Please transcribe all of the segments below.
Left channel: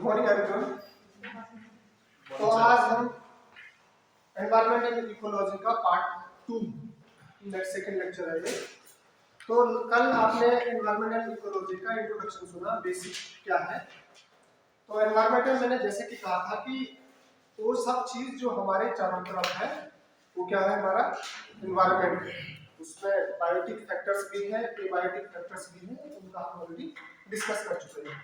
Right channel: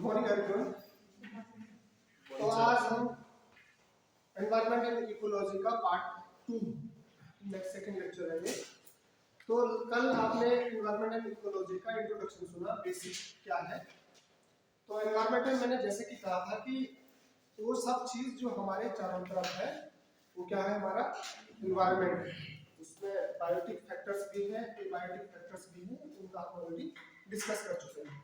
Good morning everyone. तो आज हम एनवायरनमेंट एंड इकोलॉजी का पार्ट 2 सेकंड लेक्चर है ये। तो कल आपने एनवायरनमेंट एंड इकोलॉजी का इंट्रोडक्शन सुना, बेसिक क्या है। तो एनवायरनमेंट में मैंने जैसे कि कहा था कि वो सब चीज जो हमारे चारों तरफ है वो क्या है, हमारा एनवायरनमेंट है। उसमें बायोटिक फैक्टर्स भी हैं, एबायोटिक फैक्टर्स भी हैं, उनका हम ऑलरेडी डिस्कस कर चुके हैं।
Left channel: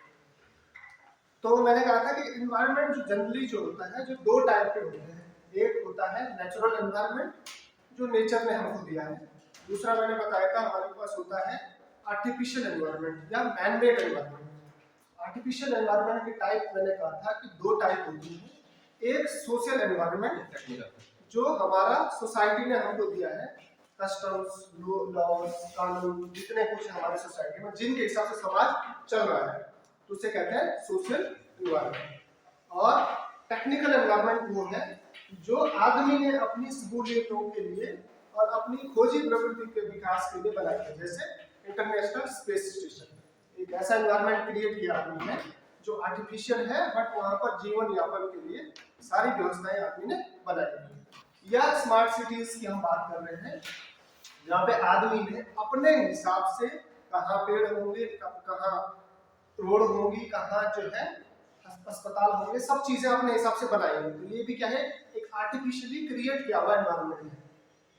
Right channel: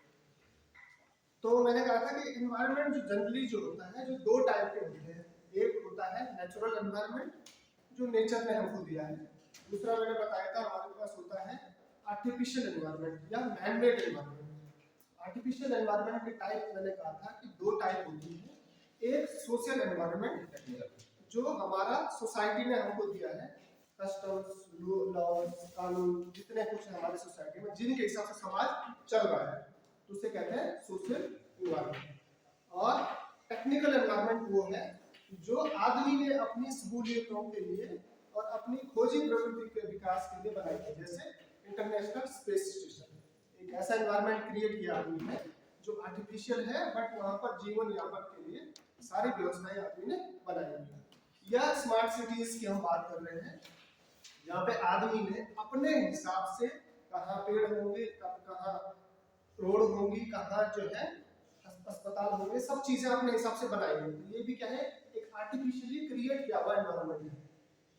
तो मैंने कहा था कि एनवायरनमेंट जो जनरली जो होता है, जो दो टाइप के होते हैं। एक होता है नेचुरल एनवायरनमेंट जो नेचर ने हमको दिया है। दूसरा मैंने बताया था हमारे पास होता है आर्टिफिशियल एनवायरनमेंट या man made environment. Artificial environment की टाइप मैंने कहा था कि दो टाइप होती है। एक सोशल एनवायरनमेंट जो हमारा सोसाइटी ने हमको दिया है, कस्टम्स, लॉज, कानून, जितने कुछ हमारे सोसाइटी में जिनके हिसाब से समाज चल रहा है, तो उसे कहते हैं सोशल एनवायरनमेंट। और टेक्निकल एनवायरनमेंट वो है जो आदमी ने अपनी सहूलियतों के लिए और अपनी खोजी प्रवृत्ति के विकास के लिए बनाया है। जैसे इंटरनेशनल स्पेस स्टेशन, एक ऐसा एनवायरनमेंट क्रिएट किया आदमी ने जो आर्टिफिशियल है, बट वहां पर जीवन यापन के लिए सारी व्यवस्थाएं आदमी ने बनाई हुई है। या स्मार्ट सिटीज की हम बात कर रहे हैं, जहाँ पे आदमी ने अपने हिसाब से कहाँ पेड़ होंगे, कहाँ रोड होंगी, कहाँ जो है अस्पताल होंगे, सब चीजें अपने हिसाब से बनाई हैं। तो ये भी क्या है, एक आर्टिफिशियली क्रिएट किया हुआ एनवायरनमेंट है।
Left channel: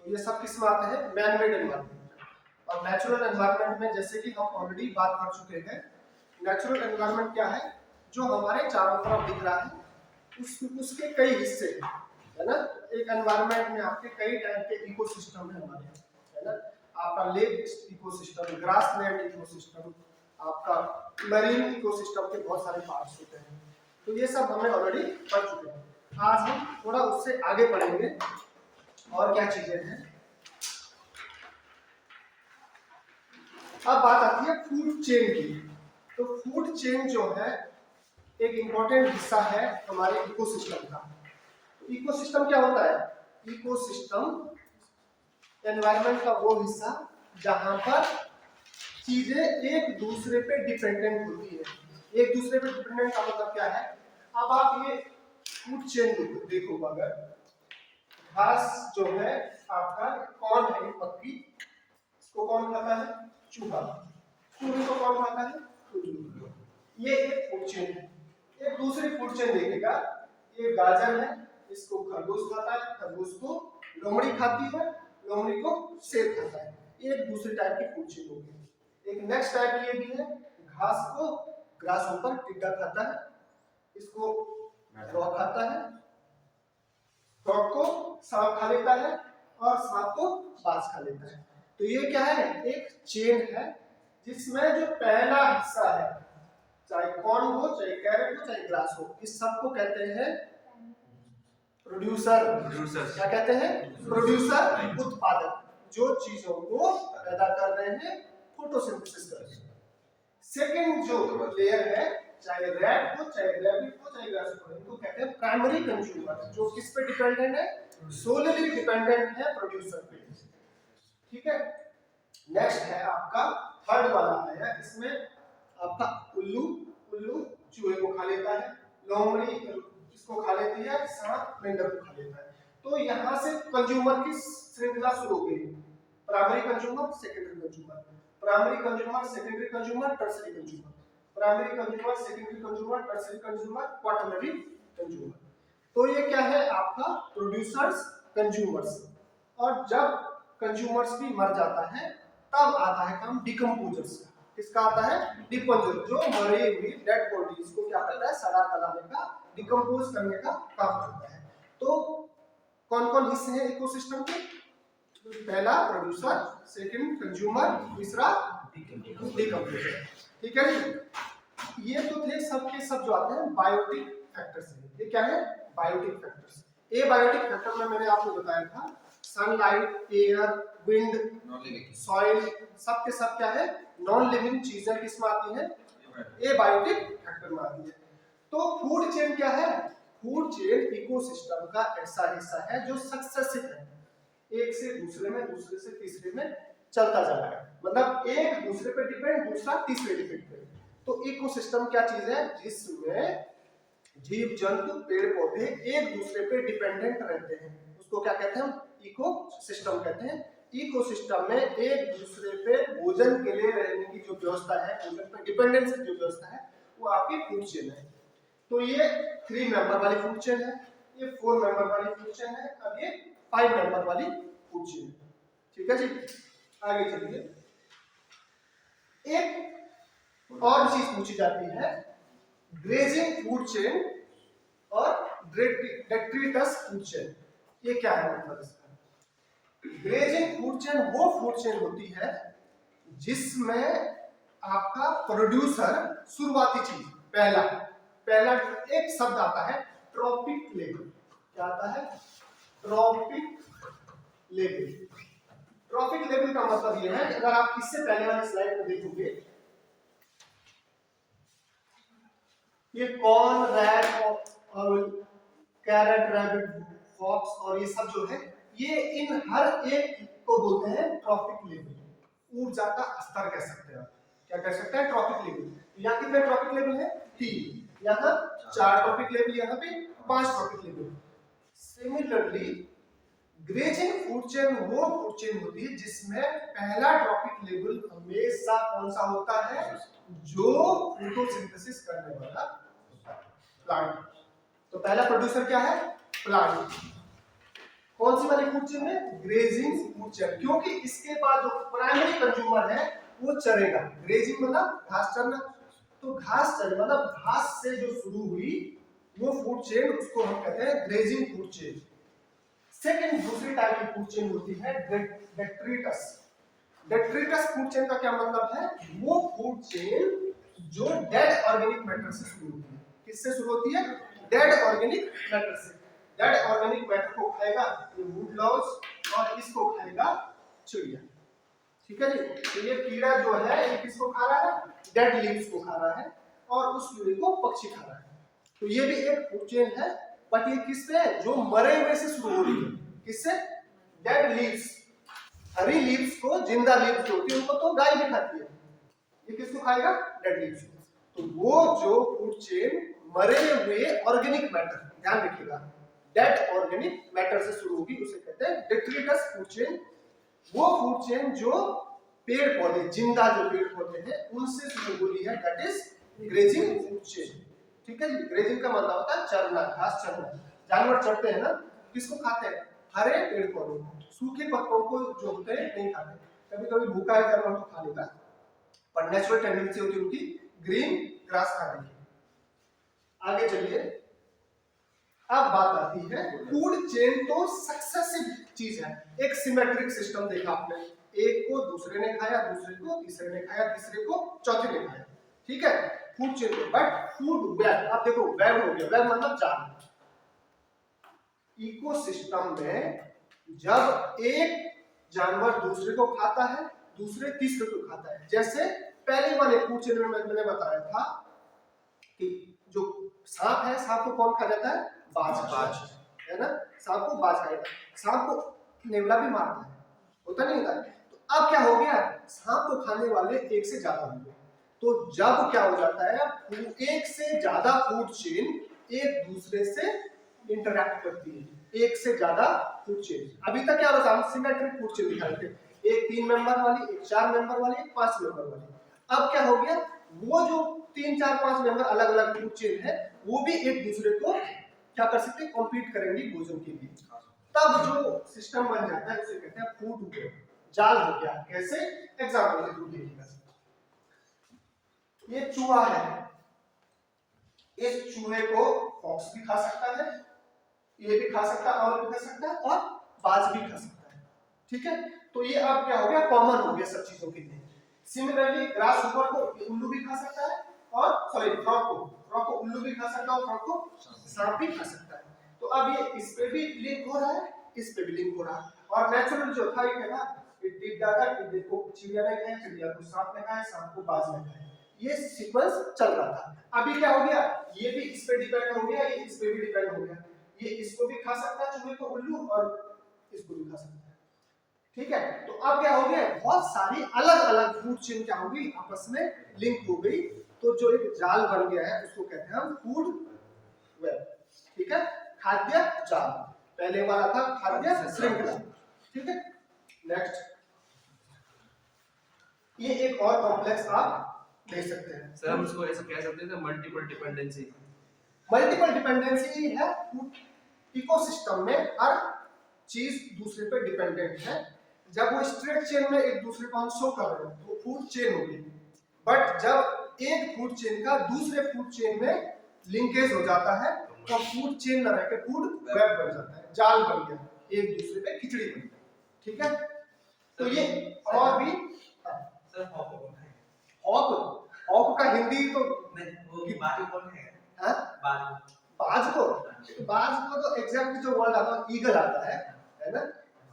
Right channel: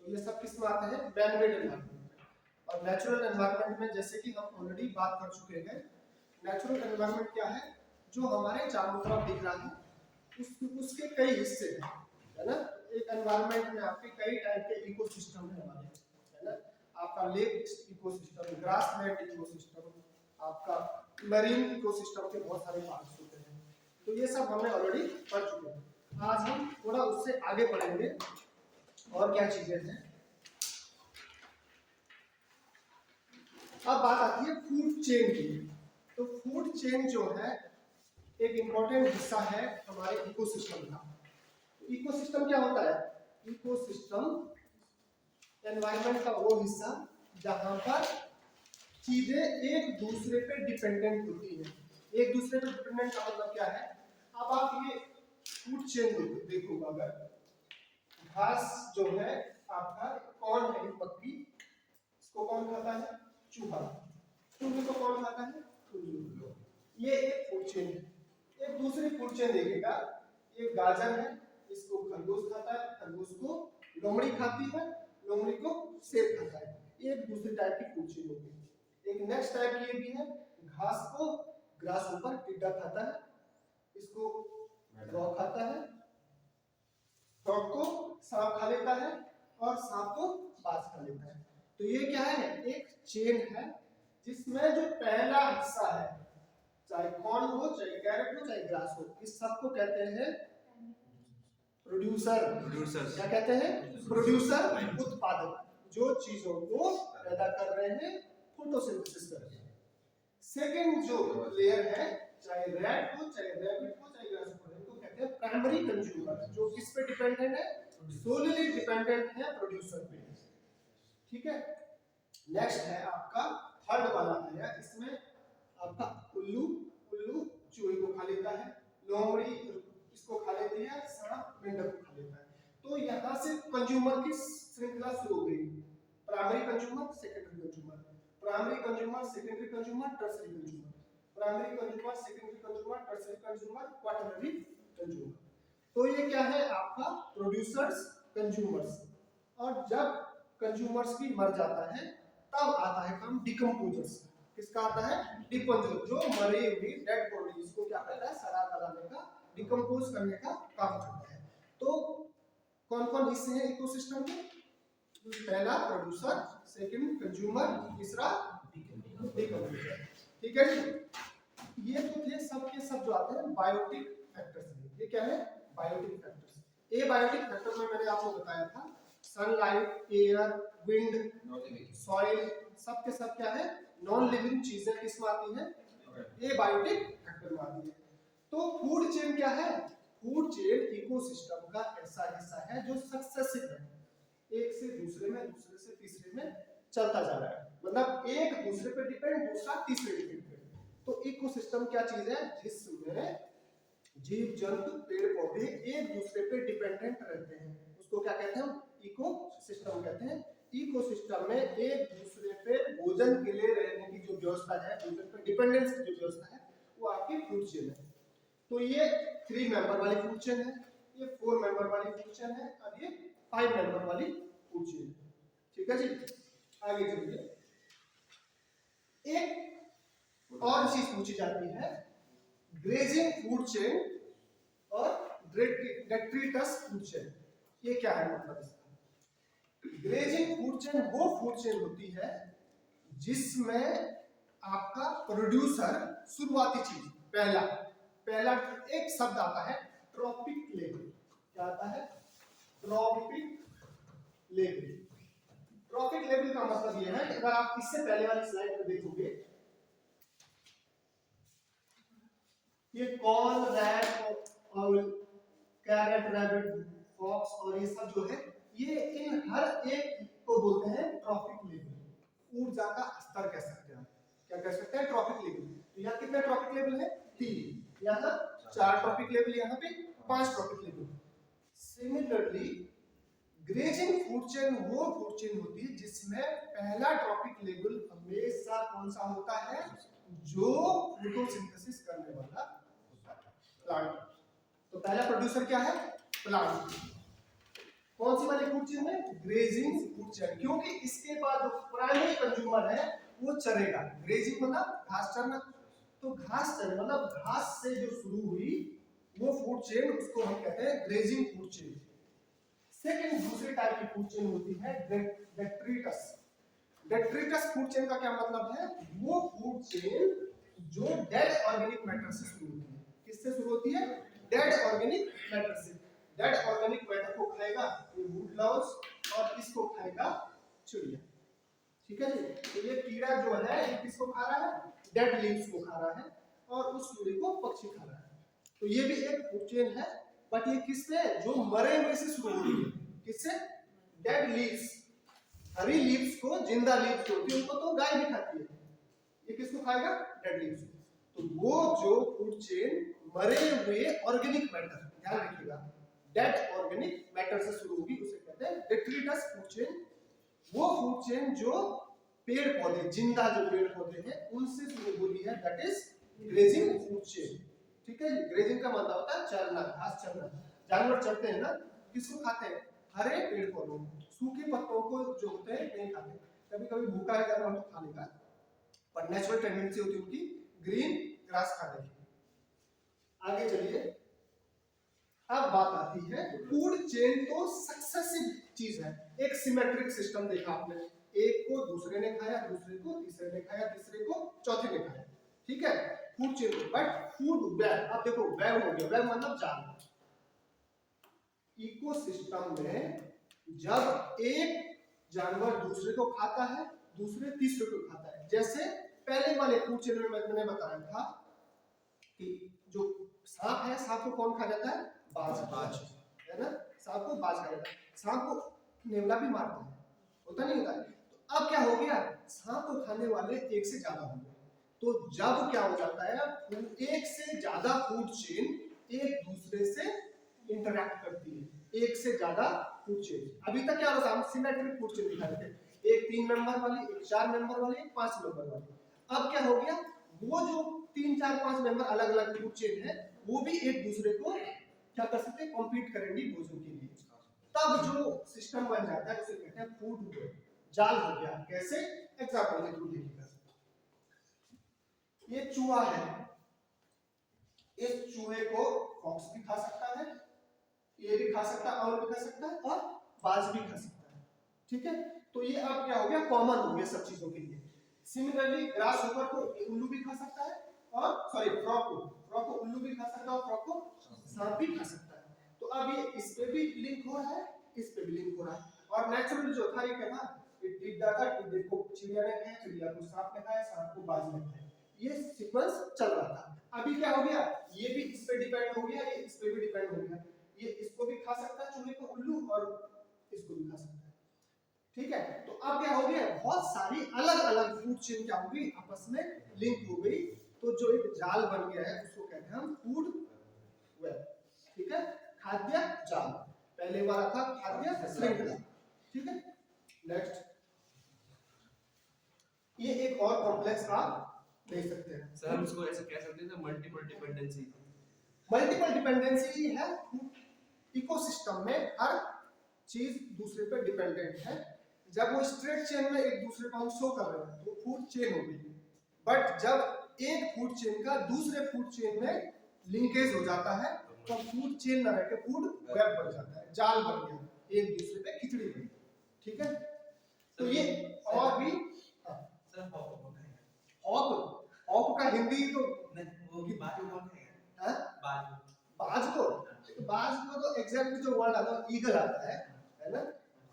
तो ये सब किस में आते हैं, मैन मेड एनवायरनमेंट। और नेचुरल एनवायरनमेंट में जैसे कि हम ऑलरेडी बात कर चुके हैं, नेचुरल एनवायरनमेंट क्या है, जो हमारे चारों तरफ दिख रहा है उसके कई हिस्से हैं, है ना। एक एनवायरनमेंट में आपके कई टाइप के इकोसिस्टम है हमारे, है ना। आपका लेक इकोसिस्टम, ग्रासलैंड इकोसिस्टम, आपका मरीन इकोसिस्टम के बहुत सारे पार्ट्स होते हैं। तो ये सब हमने ऑलरेडी पढ़ चुके हैं। आज हम थोड़ा उससे आगे पढ़ेंगे और क्या चीजें हैं। अब बात आती है फूड चेन की। तो फूड चेन जो है एक इंपॉर्टेंट हिस्सा है हमारे इकोसिस्टम का। इकोसिस्टम क्या होता है, इकोसिस्टम एनवायरनमेंट का वो हिस्सा जहां पर चीजें एक दूसरे पे डिपेंडेंट होती है। एक दूसरे पे डिपेंडेंट का मतलब क्या है, अब आप ये फूड चेन देखो, अगर घास जो है आपका कौन है, मक्खी, इसको कौन खाता है, चूहा, चूहे को कौन खाता है, उल्लू। ये एक फूड चेन है। एक दूसरी फूड चेन देखेगा, ये गाजर है, इसको खरगोश खाता है, खरगोश को लोमड़ी खाती है, लोमड़ी को सेब खाता है। ये एक दूसरी टाइप की फूड चेन होगी। एक नेक्स्ट टाइप ये भी है, घास को ग्रास ऊपर टिड्डा खाता है, इसको फ्रॉग खाता है, फ्रॉग को सांप खा लेता है, और सांप को बाज खा लेता है। तो ये क्या है, एक चेन है जिसमें जो पहला हिस्सा है, चाहे कॉर्न हो, चाहे कैरेट हो, चाहे ग्रास हो, इस सब को कहते हैं प्रोड्यूसर। क्या कहते हैं, प्रोड्यूसर, उत्पादक, जो चीजों को पैदा कर रहे हैं, फोटोसिंथेसिस कर रहे हैं। सेकंड जो लेयर है, चाहे रैट हो, चाहे रैबिट हो, चाहे ग्रास हो, इनको कहते हैं प्राइमरी कंज्यूमर, जो किस पे डिपेंडेंट है, सोलली डिपेंडेंट है प्रोड्यूसर पे। ठीक है। नेक्स्ट है आपका थर्ड वाला आया, इसमें आपका उल्लू, उल्लू चूहे को खा लेता है, लोमड़ी इसको खा लेती है, सांप मेंढक को खा लेता है। तो यहाँ से कंज्यूमर की श्रृंखला शुरू हो गई, primary consumer, secondary consumer, primary consumer, secondary consumer, tertiary consumer, primary consumer, secondary consumer, tertiary consumer, quaternary consumer. तो ये क्या है आपका प्रोड्यूसर्स, कंज्यूमर्स। और जब कंज्यूमर्स भी मर जाता है तब आता है काम डिकम्पोजर्स का। किसका आता है, डिकम्पोजर, जो मरी हुई डेड बॉडी इसको क्या करता है, सड़ा गलाने का, डिकम्पोज करने का काम करता है। तो कौन कौन हिस्से हैं इकोसिस्टम के, पहला प्रोड्यूसर, सेकंड कंज्यूमर, तीसरा डिकम्पोजर। ठीक है जी। ये तो थे सब के सब जो आते हैं बायोटिक फैक्टर्स। ये क्या है, बायोटिक फैक्टर्स। ए बायोटिक फैक्टर में मैंने आपको बताया था सनलाइट, एयर, विंड, सॉइल, सब के सब क्या है, नॉन लिविंग चीजें किसमें आती हैं, ए बायोटिक फैक्टर में आती है। तो फूड चेन क्या है, फूड चेन इकोसिस्टम का ऐसा हिस्सा है जो सक्सेसिव है, एक से दूसरे में, दूसरे से तीसरे में चलता जा रहा है। मतलब एक दूसरे पे डिपेंड, दूसरा तीसरे डिपेंड पे। तो इकोसिस्टम क्या चीज है, जिसमें जीव जंतु पेड़ पौधे एक दूसरे पे डिपेंडेंट रहते हैं, उसको क्या कहते हैं, इको सिस्टम कहते हैं। इको सिस्टम में एक दूसरे पे भोजन के लिए रहने की जो व्यवस्था है, भोजन पर डिपेंडेंस की जो व्यवस्था है, वो आपकी फूड चेन है। तो ये 3 मेंबर वाली फूड चेन है, ये 4 मेंबर वाली फूड चेन है, अब ये 5 मेंबर वाली फूड चेन है। ठीक है जी, आगे चलिए। एक और चीज पूछी जाती है, ग्रेजिंग फूड चेन और डेट्रिटस फूड चेन, ये क्या है मतलब इसका? ग्रेजिंग फूड चेन वो फूड चेन होती है जिसमें आपका प्रोड्यूसर शुरुआती चीज पहला पहला एक शब्द आता है ट्रॉपिक लेवल। क्या आता है? Trophic level. ट्रॉपिक लेवल का मतलब यह है, अगर आप इससे पहले वाली स्लाइड में देखोगे, ये कॉर्न, रैट और कैरेट, रैबिट, फॉक्स और ये सब जो है, ये इन हर एक को बोलते हैं ट्रॉपिक लेवल, ऊर्जा का स्तर कह सकते हैं। क्या कह सकते हैं? Trophic level. यहाँ कितने ट्रॉपिक लेवल है? 3। यहाँ 4 ट्रॉपिक लेवल, यहाँ पे 5 trophic level. Similarly grazing food chain वो फूड चेन होती है जिसमें पहला ट्रॉपिक लेवल हमेशा कौन सा होता है? जो फोटोसिंथेसिस करने वाला प्लांट। तो पहला प्रोड्यूसर क्या है? प्लांट। कौन सी वाली फूड चेन में? ग्रेजिंग फूड चेन, क्योंकि इसके बाद जो प्राइमरी कंज्यूमर है वो चरेगा। ग्रेजिंग मतलब घास चरना, तो घास चरना मतलब घास से जो शुरू हुई वो फूड चेन, उसको हम कहते हैं ग्रेजिंग फूड चेन। सेकंड दूसरी टाइप की फूड चेन होती है डेट्रिटस। डेट्रिटस फूड चेन का क्या मतलब है? वो फूड चेन जो डेड ऑर्गेनिक मैटर से शुरू होती है। किससे शुरू होती है? डेड ऑर्गेनिक मैटर से। डेड ऑर्गेनिक मैटर को खाएगा ये वुड लॉज, और इसको खाएगा चिड़िया। ठीक है जी, तो ये कीड़ा जो है ये किसको खा रहा है? डेड लीव्स को खा रहा है, और उस कीड़े को पक्षी खा रहा है। तो ये भी एक फूड चेन है, बट ये किससे? जो मरे हुए से शुरू हो रही है। किससे? Dead leaves. हरी लीव्स को, जिंदा लीव्स होती है उनको तो गाय भी खाती है, ये किसको खाएगा? डेड लीव्स को। तो वो जो फूड चेन मरे हुए ऑर्गेनिक मैटर, ध्यान रखिएगा, डेड ऑर्गेनिक मैटर से शुरू होगी, उसे कहते हैं डेट्रिटस फूड चेन। वो फूड चेन जो पेड़ पौधे, जिंदा जो पेड़ पौधे हैं उनसे शुरू हुई है, that is grazing food chain. ठीक है जी, ग्रेजिंग का मतलब होता है चरना, घास चरना। जानवर चरते हैं ना, किसको खाते हैं? हरे पेड़ पौधों को। सूखे पत्तों को जो होते हैं नहीं खाते, कभी कभी भूखा है जानवर तो खा लेगा, पर नेचुरल टेंडेंसी होती है उनकी ग्रीन ग्रास खाने की। आगे चलिए, अब बात आती है फूड चेन तो सक्सेसिव चीज है, एक सिमेट्रिक सिस्टम देखा आपने, एक को दूसरे ने खाया, दूसरे को तीसरे ने खाया, तीसरे को चौथे ने खाया। ठीक है, food chain. But food web, आप देखो वेब हो गया, वेब मतलब जाल। इकोसिस्टम में जब एक जानवर दूसरे को खाता है, दूसरे तीसरे को खाता है, जैसे पहले वाले फूड चेन में मैंने बताया था कि जो सांप है, सांप को कौन खा जाता है? बाज, है ना, सांप को बाज खाएगा। सांप को नेवला भी मारता है, होता नहीं होता? तो अब क्या हो गया? सांप को खाने वाले एक से ज्यादा हो गए। तो जब क्या हो जाता है, एक से ज्यादा फूड चेन एक दूसरे से इंटरैक्ट करती है, एक से ज्यादा फूड चेन। अभी तक क्या होता है? सिमेट्रिक फूड चेन दिखा रहे थे, एक 3 मेंबर वाली, एक 4 मेंबर वाली, एक 5 मेंबर वाली। अब क्या हो गया? वो जो 3 4 5 मेंबर अलग अलग फूड चेन है, वो भी एक दूसरे को क्या कर सकते हैं? कॉम्पीट करेंगे भोजन के लिए। तब जो सिस्टम बन जाता है उसे कहते हैं फूड वेब, जाल हो गया। कैसे? एग्जांपल के थ्रू देखिएगा। ये चूहा है, इस चूहे को फॉक्स भी खा सकता है, ये भी खा सकता है, और भी खा सकता है, और बाज भी खा सकता है। ठीक है, तो ये अब क्या हो गया? कॉमन हो गया सब चीजों के लिए। सिमिलरली ग्रास होपर को उल्लू भी खा सकता है, और सॉरी फ्रॉग को उल्लू भी खा सकता है, और फ्रॉग को सांप भी खा सकता है। तो अब ये इस पे भी लिंक हो रहा है, इस पे भी लिंक हो रहा है। और नेचुरल जो था ये क्या था? टिड्डा था, टिड्डे को चिड़िया ने खाया, चिड़िया को सांप ने खाया, सांप को बाज ने खाया। ये सीक्वेंस चल रहा था। अभी क्या हो गया? ये भी इस पे डिपेंड हो गया, ये इस पे भी डिपेंड हो गया। ये इसको भी खा सकता है चूहे को, उल्लू, और इसको भी खा सकता है। ठीक है, तो अब क्या हो गया? बहुत सारी अलग अलग फूड चेन क्या हो गई? आपस में लिंक हो गई। तो जो एक जाल बन गया है उसको कहते हैं हम फूड वेब, ठीक है। खाद्य जाल पहले वाला था खाद्य श्रृंखला, ठीक है। नेक्स्ट, ये एक और कॉम्प्लेक्स आप देख सकते हैं सर हम इसको ऐसे कह सकते हैं मल्टीपल डिपेंडेंसी। मल्टीपल डिपेंडेंसी है इकोसिस्टम में, हर चीज दूसरे पे डिपेंडेंट है। जब वो स्ट्रेट चेन में एक दूसरे को हम शो कर रहे हैं तो फूड चेन होगी, बट जब एक फूड चेन का दूसरे फूड चेन में लिंकेज हो जाता है तो फूड चेन न रह के फूड वेब बन जाता है, जाल बन गया, एक दूसरे पे खिचड़ी बन गई, ठीक है। तो ये और भी सर हॉक, हॉक का हिंदी तो नहीं, वो बाजू कौन है? हाँ? बाज को तो एग्जैक्ट जो वर्ड आता है ईगल आता है ना।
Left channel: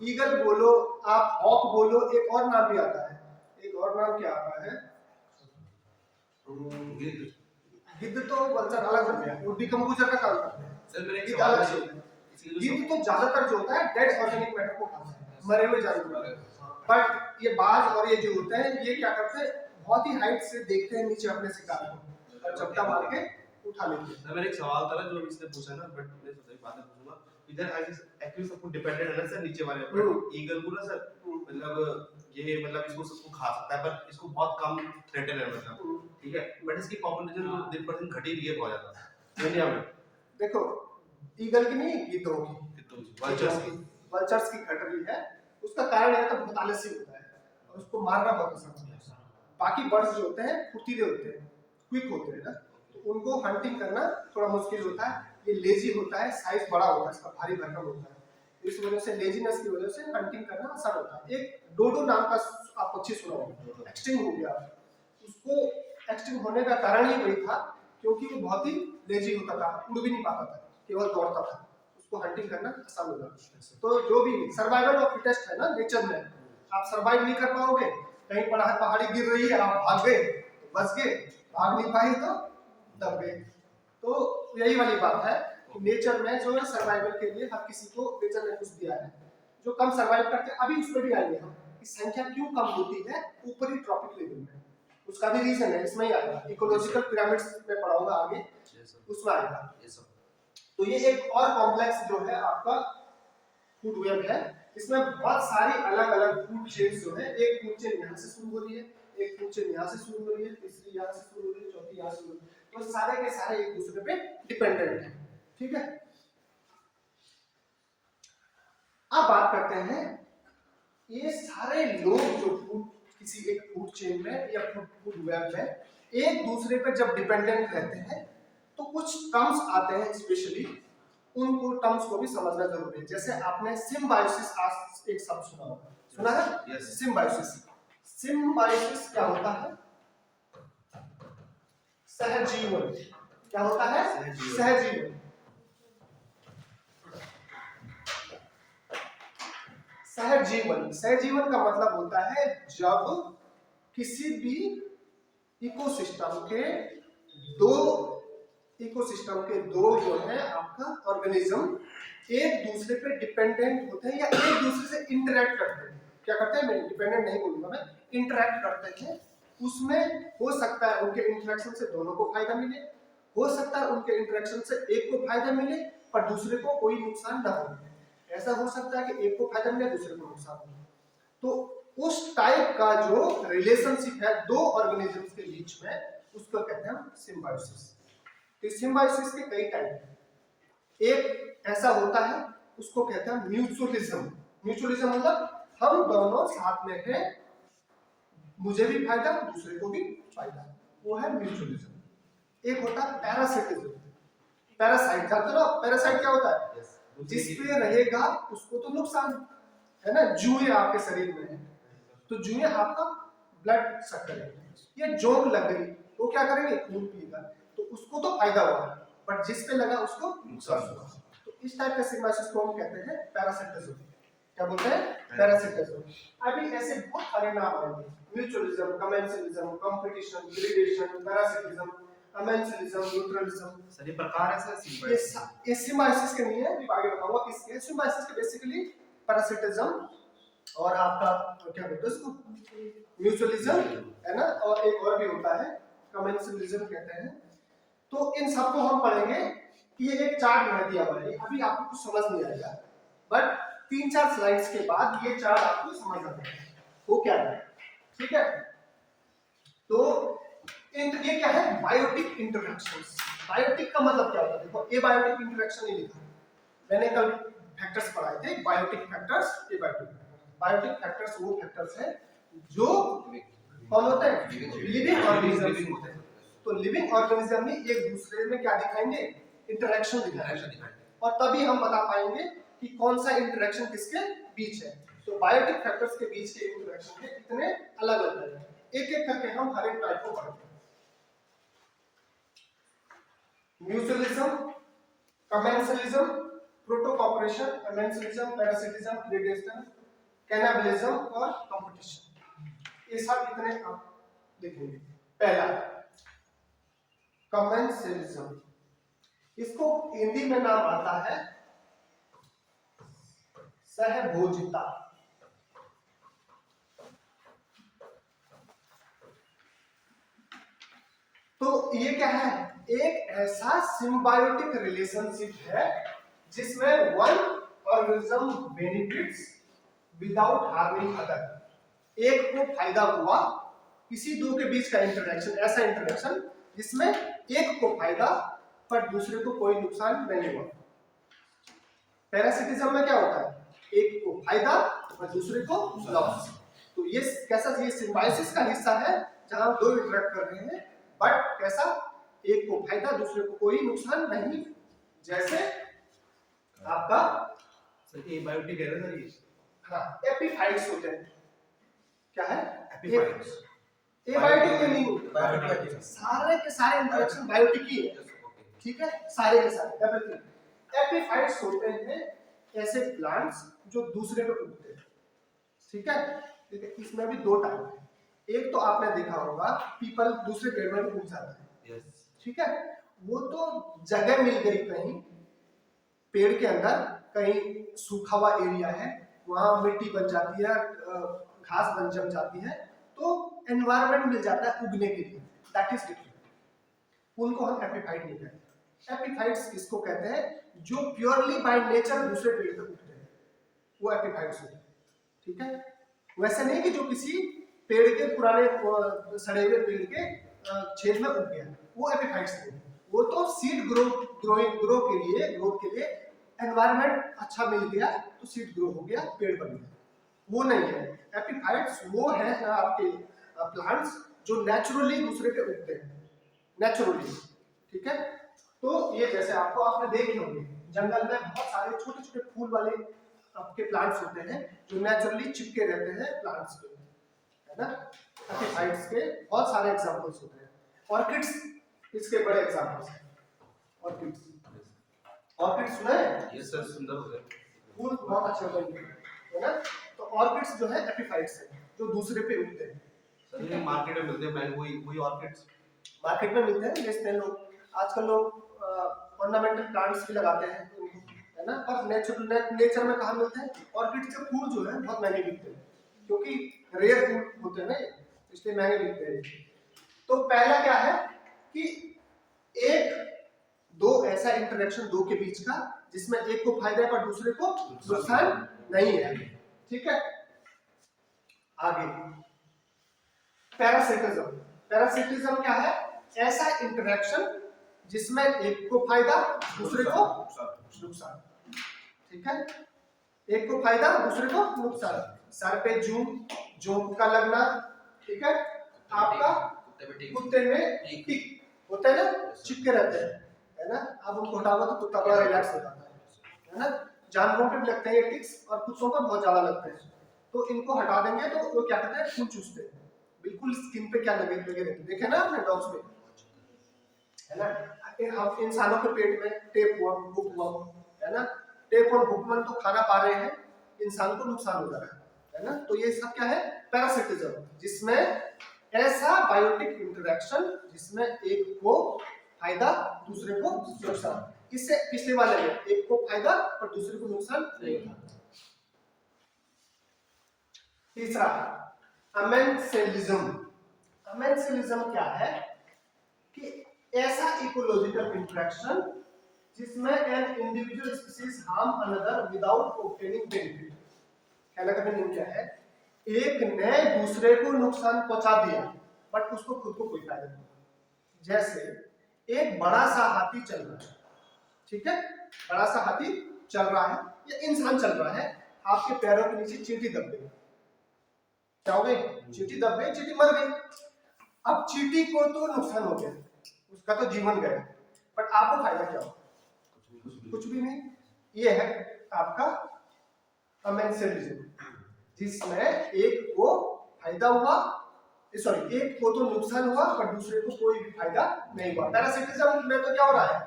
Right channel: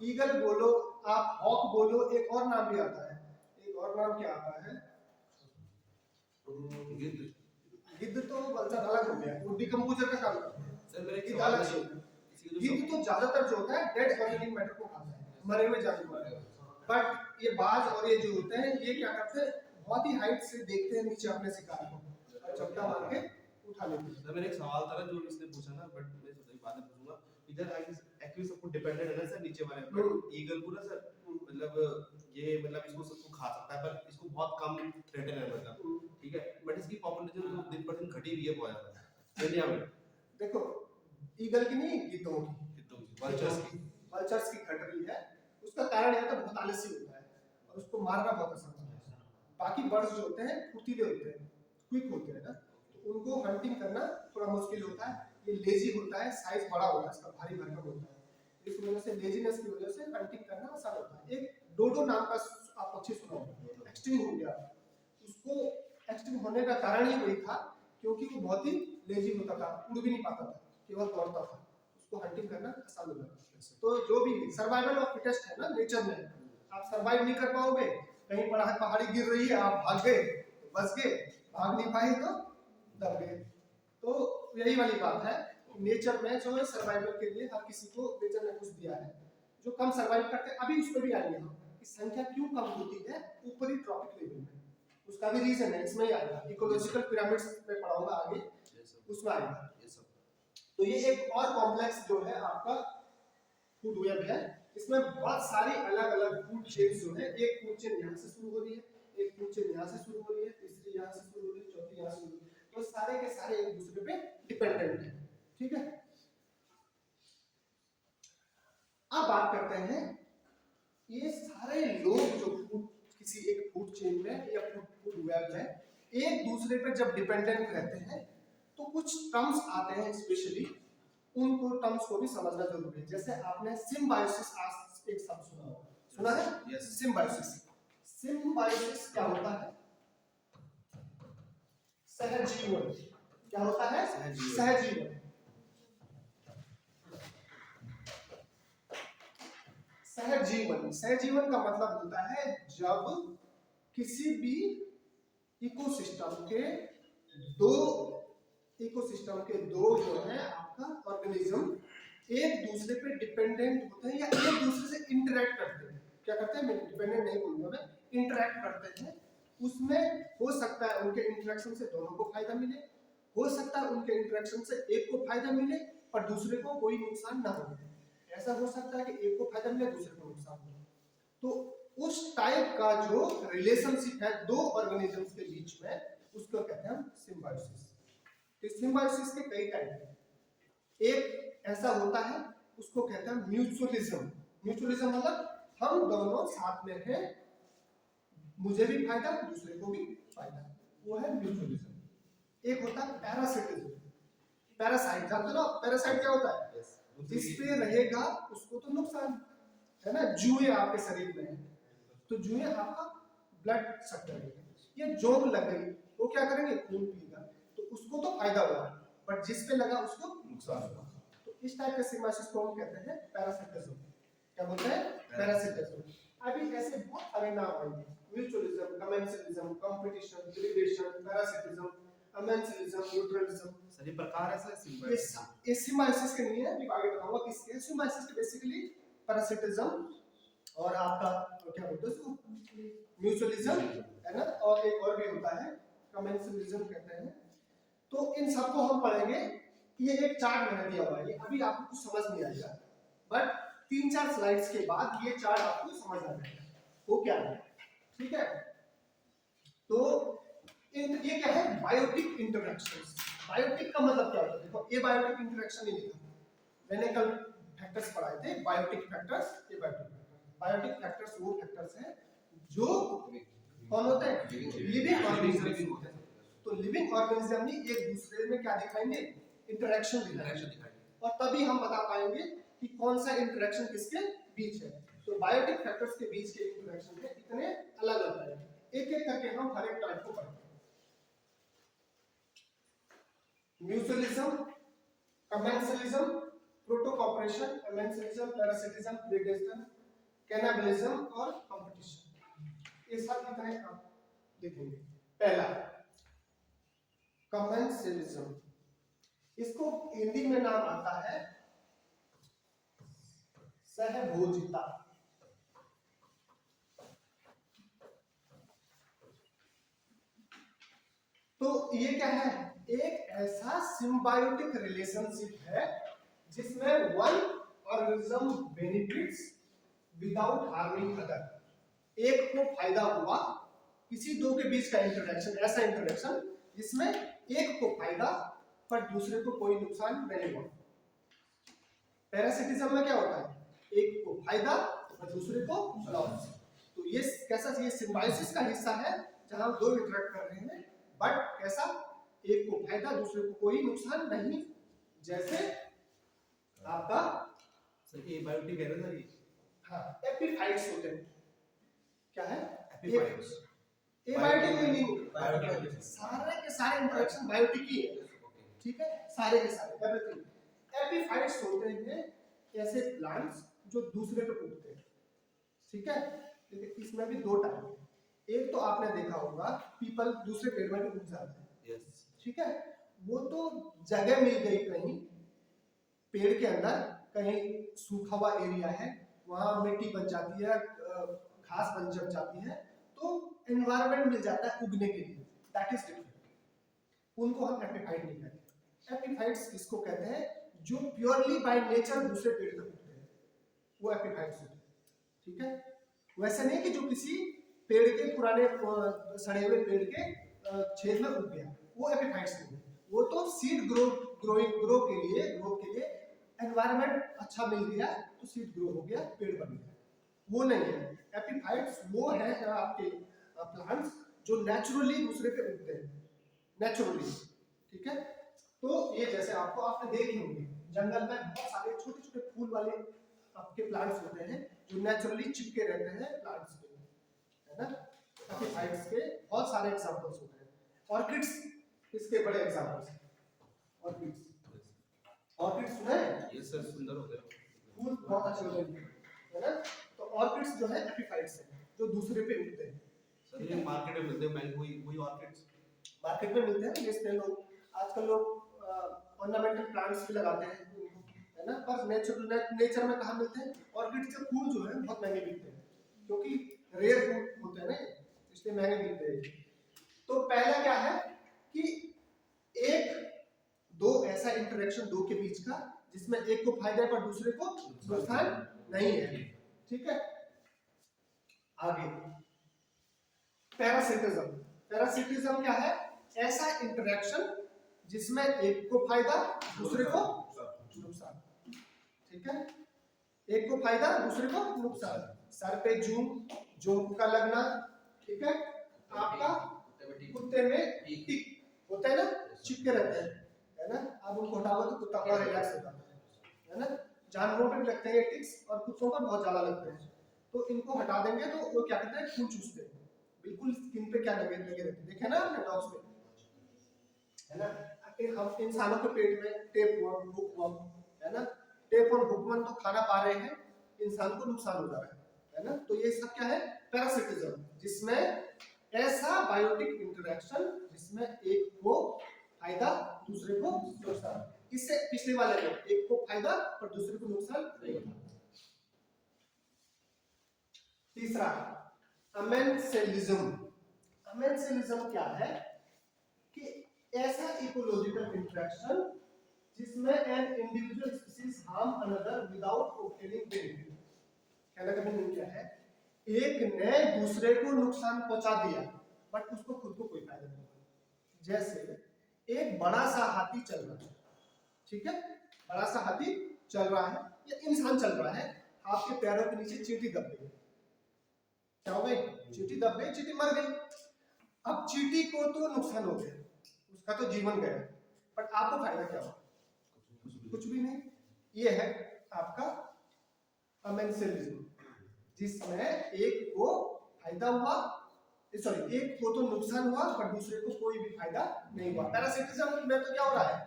ईगल बोलो आप, हॉक बोलो, एक और नाम भी आता है, एक और नाम क्या आता है, गिद्ध तो वल्चर अलग हो गया, वो डिकम्पोजर का काम करते हैं। सर मेरे गिद्ध अलग चीज है। गिद्ध तो ज्यादातर जो होता है डेड ऑर्गेनिक मैटर को खाता है, मरे हुए जानवर। बट ये बाज और ये जो होते हैं ये क्या करते हैं, बहुत ही हाइट से देखते हैं नीचे अपने शिकार को और चपटा मार के उठा लेते हैं। सर मेरा एक सवाल था ना जो इसने पूछा ना, बट मैं सोचा बाद में पूछूंगा। इधर एक्चुअली सब कुछ डिपेंडेंट है ना सर नीचे वाले पर। ईगल को ना सर मतलब ये मतलब इसको सबको खा सकता है पर इसको बहुत कम थ्रेटन है मतलब, ठीक है। बट इसकी पॉपुलेशन तो दिन पर दिन घट ही रही है बहुत ज्यादा दुनिया में। देखो ईगल की नहीं, गिद्धों की, वल्चर्स की घट रही है। उसका कारण यह तो बहुत आलसी होता है और उसको मारना बहुत आसान होता है। बाकी बर्ड्स जो होते हैं फुर्तीले होते हैं, क्विक होते हैं ना, तो उनको हंटिंग करना थोड़ा मुश्किल होता है। ये लेजी होता है, साइज बड़ा होता है, इसका भारी भरकम होता है, इस वजह से लेजीनेस की वजह से हंटिंग करना आसान होता है। एक डोडो नाम का आप पक्षी सुना होगा, एक्सटिंक्ट हो गया। उसको एक्सटिंक्ट होने का कारण ही वही था क्योंकि वो बहुत ही लेजी होता था, उड़ भी नहीं पाता था, केवल दौड़ता था, उसको हंटिंग करना आसान हो जाता। तो जो भी सर्वाइवल ऑफ फिटेस्ट है ना नेचर में, आप सर्वाइव नहीं कर पाओगे, कहीं पहाड़ी गिर रही है आप भाग गए तो बच गए, भाग नहीं पाए तो दब गए। तो यही वाली बात है कि नेचर में जो है सर्वाइवल के लिए हर किसी को नेचर ने कुछ दिया है। जो कम सर्वाइव करते हैं, अभी उस पर भी आएंगे हम, कि संख्या क्यों कम होती है ऊपरी ट्रॉपिक लेवल में, उसका भी रीजन है, इसमें ही आएगा, इकोलॉजिकल पिरामिड्स में पढ़ाऊंगा आगे, उसमें आएगा। तो ये एक और कॉम्प्लेक्स जो है आपका फूड वेब है, इसमें बहुत सारी अलग अलग फूड चेन्स जो है, एक फूड चेन यहाँ से शुरू हो रही है, एक फूड चेन यहाँ से शुरू हो रही है, तीसरी यहाँ से शुरू हो रही है, चौथी यहाँ से शुरू हो रही है, तो सारे के सारे एक दूसरे पे डिपेंडेंट है, ठीक है। अब बात करते हैं ये सारे लोग जो फूड किसी एक फूड चेन में या फूड वेब में एक दूसरे पर जब डिपेंडेंट रहते हैं तो कुछ टर्म्स आते हैं, स्पेशली उनको टर्म्स को भी समझना जरूरी है। जैसे आपने सिम्बायोसिस आज एक शब्द सुना होगा, सुना है? Yes. सिम्बायोसिस, सिम्बायोसिस क्या होता है? सहजीवन। क्या होता है? सहजीवन। सहजीवन, सहजीवन का मतलब होता है जब किसी भी इकोसिस्टम के दो जो है आपका ऑर्गेनिज्म एक दूसरे पे डिपेंडेंट होते हैं या एक दूसरे से इंटरेक्ट करते हैं। क्या करते हैं, मैं डिपेंडेंट नहीं बोलूंगा, मैं इंटरेक्ट करते हैं। उसमें हो सकता है उनके इंटरेक्शन से दोनों को फायदा मिले, हो सकता है उनके इंटरेक्शन से एक को फायदा मिले पर दूसरे को कोई नुकसान ना हो। ऐसा हो सकता है कि एक को फायदा मिले दूसरे को नुकसान हो। तो उस टाइप का जो रिलेशनशिप है दो ऑर्गेनिजम्स के बीच में, उसको कहते हैं सिम्बायोसिस। तो सिम्बायोसिस के कई टाइप हैं। एक ऐसा होता है उसको कहते हैं म्यूचुअलिज्म। म्यूचुअलिज्म मतलब हम दोनों साथ में हैं, मुझे भी फायदा दूसरे को भी फायदा, वो है म्यूचुअलिज्म। एक होता है पैरासिटिज्म। पैरासाइट, जानते हो पैरासाइट क्या होता है? जिस पे रहेगा उसको तो नुकसान है ना। जुए आपके शरीर में है तो जुए आपका ब्लड सक करेंगे, ये जोंक लग गई वो क्या करेंगे, खून पिएगा, तो उसको तो फायदा हुआ, बट जिस पे लगा उसको नुकसान हुआ। तो इस टाइप का सिम्बायोसिस को हम कहते हैं पैरासिटिज्म। क्या बोलते हैं? पैरासिटिज्म। अभी ऐसे बहुत सारे नाम आएंगे, mutualism, commensalism, competition, gradation, parasitism, amensalism, neutralism. सभी प्रकार है सर सिम्बायोसिस। ये सिम्बायोसिस के नहीं है, अभी आगे बताऊंगा किसके। सिम्बायोसिस के बेसिकली पैरासिटिज्म और आपका क्या बोलते हैं उसको, म्यूचुअलिज्म है ना, और एक और भी होता है कमेंसलिज्म कहते हैं। तो इन सबको हम पढ़ेंगे कि ये एक चार्ट मैंने दिया हुआ है, अभी आपको कुछ समझ नहीं आएगा, बट 3-4 स्लाइड्स के बाद ये चार्ट आपको समझ आ जाएगा वो क्या है, ठीक है। तो ये क्या है, बायोटिक इंटरैक्शंस। बायोटिक का मतलब क्या होता है, देखो एबायोटिक इंटरैक्शन ही लिखा है, मैंने कल फैक्टर्स पढ़ाए थे, biotic factors, abiotic factors. Biotic factors वो फैक्टर्स है जो कौन होते हैं, लिविंग ऑर्गेनिजम्स होते हैं। तो लिविंग ऑर्गेनिज्म में एक दूसरे में क्या दिखाएंगे, इंटरैक्शन दिखाएंगे, और तभी हम बता पाएंगे कि कौन सा इंटरैक्शन किसके बीच है। तो बायोटिक फैक्टर्स के बीच के इंटरैक्शन के इतने अलग अलग टाइप हैं, एक एक करके हम हर एक टाइप को पढ़ते हैं। Mutualism, commensalism, protocooperation, amensalism, parasitism, predation, cannibalism और कंपटीशन, ये सब इतने आप देखेंगे। पहला कमेंसलिज्म, इसको हिंदी में नाम आता है सहभोजिता। तो ये क्या है, एक ऐसा सिम्बायोटिक रिलेशनशिप है जिसमें one organism benefits without harming other. एक को फायदा हुआ, किसी दो के बीच का इंटरैक्शन, ऐसा इंटरैक्शन जिसमें एक को फायदा पर दूसरे को कोई नुकसान नहीं हुआ। पैरासिटिज्म में क्या होता है, एक को फायदा और दूसरे को लॉस। तो ये कैसा, ये सिम्बायोसिस का हिस्सा है जहां दो इंटरैक्ट कर रहे हैं, बट कैसा, एक को फायदा दूसरे को कोई नुकसान नहीं। जैसे आपका ये बायोटिक है ना ये, हाँ एपिफाइट्स होते हैं, क्या है एपिफाइट्स, एबायोटिक के नहीं, सारे के सारे इंटरैक्शन बायोटिक ही है, ठीक है, सारे के सारे एवरीथिंग। एपिफाइट्स होते हैं ऐसे प्लांट्स जो दूसरे पे उगते हैं, ठीक है। देखिए इसमें भी दो टाइप है, एक तो आपने देखा होगा पीपल दूसरे पेड़ में उग जाता है, ठीक है, वो तो जगह मिल गई कहीं पेड़ के अंदर, कहीं सूखा हुआ एरिया है वहां मिट्टी बन जाती है, घास बन जम जाती है, तो एनवायरनमेंट मिल जाता है उगने के लिए, दैट इज डिफरेंट। उनको हम एपिफाइट नहीं कहते। एपिफाइट्स किसको कहते हैं, जो प्योरली बाय नेचर दूसरे पेड़ पे उगते हैं, वो एपिफाइट्स होते हैं, ठीक है। वैसे नहीं कि जो किसी पेड़ के पुराने सड़े हुए पेड़ के छेद में उग गया, वो एपिफाइट्स नहीं, वो तो सीड ग्रोथ के लिए एनवायरनमेंट अच्छा मिल गया तो सीड ग्रो हो गया, पेड़ बन गया, वो नहीं है। एपिफाइट्स वो है आपके प्लांट्स जो नेचुरली दूसरे पे उगते हैं, नेचुरली, ठीक है। तो ये जैसे आपने देखे होंगे जंगल में बहुत सारे छोटे छोटे फूल वाले आपके प्लांट्स होते हैं जो नेचुरली चिपके रहते हैं प्लांट्स पे, है ना। एपिफाइट्स के बहुत सारे एग्जांपल्स होते हैं, ऑर्किड्स इसके बड़े एग्जांपल्स हैं। ऑर्किड सुना है, यस सर, सुंदर होते हैं, फूल बहुत अच्छे होते हैं, है ना। तो ऑर्किड्स जो है एपिफाइट्स है जो दूसरे पे उगते हैं। सर ये मार्केट में मिलते हैं, वही ऑर्किड्स मार्केट में मिलते हैं, बेचते हैं लोग, आजकल लोग ऑर्नामेंटल प्लांट्स भी लगाते हैं, है ना। पर नेचर में कहाँ मिलते हैं, ऑर्किड के फूल जो है बहुत महंगे बिकते हैं, क्योंकि रेयर फूल होते हैं ना, इसलिए महंगे बिकते हैं। तो पहला क्या है कि एक दो ऐसा इंटरेक्शन दो के बीच का जिसमें एक को फायदा पर दूसरे को नुकसान नहीं है, ठीक है। आगे पैरासिटिज्म। पैरासिटिज्म क्या है, ऐसा इंटरेक्शन जिसमें एक को फायदा दूसरे को नुकसान, ठीक है, एक को फायदा दूसरे को नुकसान। सर पे जूं का लगना, ठीक है, आपका कुत्ते में टिक होता है ना, चिपके रहते हैं, है ना। आप उनको हटाओ तो कुत्ता बड़ा रिलैक्स हो जाता है ना। जानवरों पे भी लगते हैं ये टिक्स और कुत्तों पर बहुत ज्यादा लगता है, तो इनको हटा देंगे तो वो क्या करते हैं, खून चूसते हैं, बिल्कुल स्किन पे क्या लगे रहते हैं, देखे ना आपने डॉग्स में, है ना। हम इंसानों के पेट में टेप वर्म, बुक वर्म, है ना, टेप और बुकवर्म तो खाना पा रहे हैं, इंसानों को नुकसान हो रहा है ना। तो ये सब क्या है, पैरासिटिज्म, जिसमें ऐसा बायोटिक इंटरेक्शन जिसमें एक को फायदा दूसरे को नुकसान। इससे पिछले वाले में एक को फायदा पर दूसरे को नुकसान नहीं होता। तीसरा अमेंसेलिज्म। अमेंसेलिज्म क्या है कि ऐसा इकोलॉजिकल इंटरेक्शन जिसमें an individual species harm another without obtaining benefit. कहने का मीनिंग क्या है, एक ने दूसरे को नुकसान पहुंचा दिया बट उसको खुद को कोई फायदा नहीं हुआ। जैसे एक बड़ा सा हाथी चल रहा है, ठीक है, बड़ा सा हाथी चल रहा है या इंसान चल रहा है, आपके पैरों के नीचे चींटी दब गई, क्या हो गई, चींटी दब गई, चींटी मर गई। अब चींटी को तो नुकसान हो गया, उसका तो जीवन गया, बट आपको फायदा क्या हुआ, कुछ भी नहीं। ये है आपका अमेंसेलिज्म, जिसमें एक को फायदा हुआ, सॉरी एक को तो नुकसान हुआ पर दूसरे को कोई भी फायदा नहीं हुआ। पैरासिटिज्म में तो क्या हो रहा है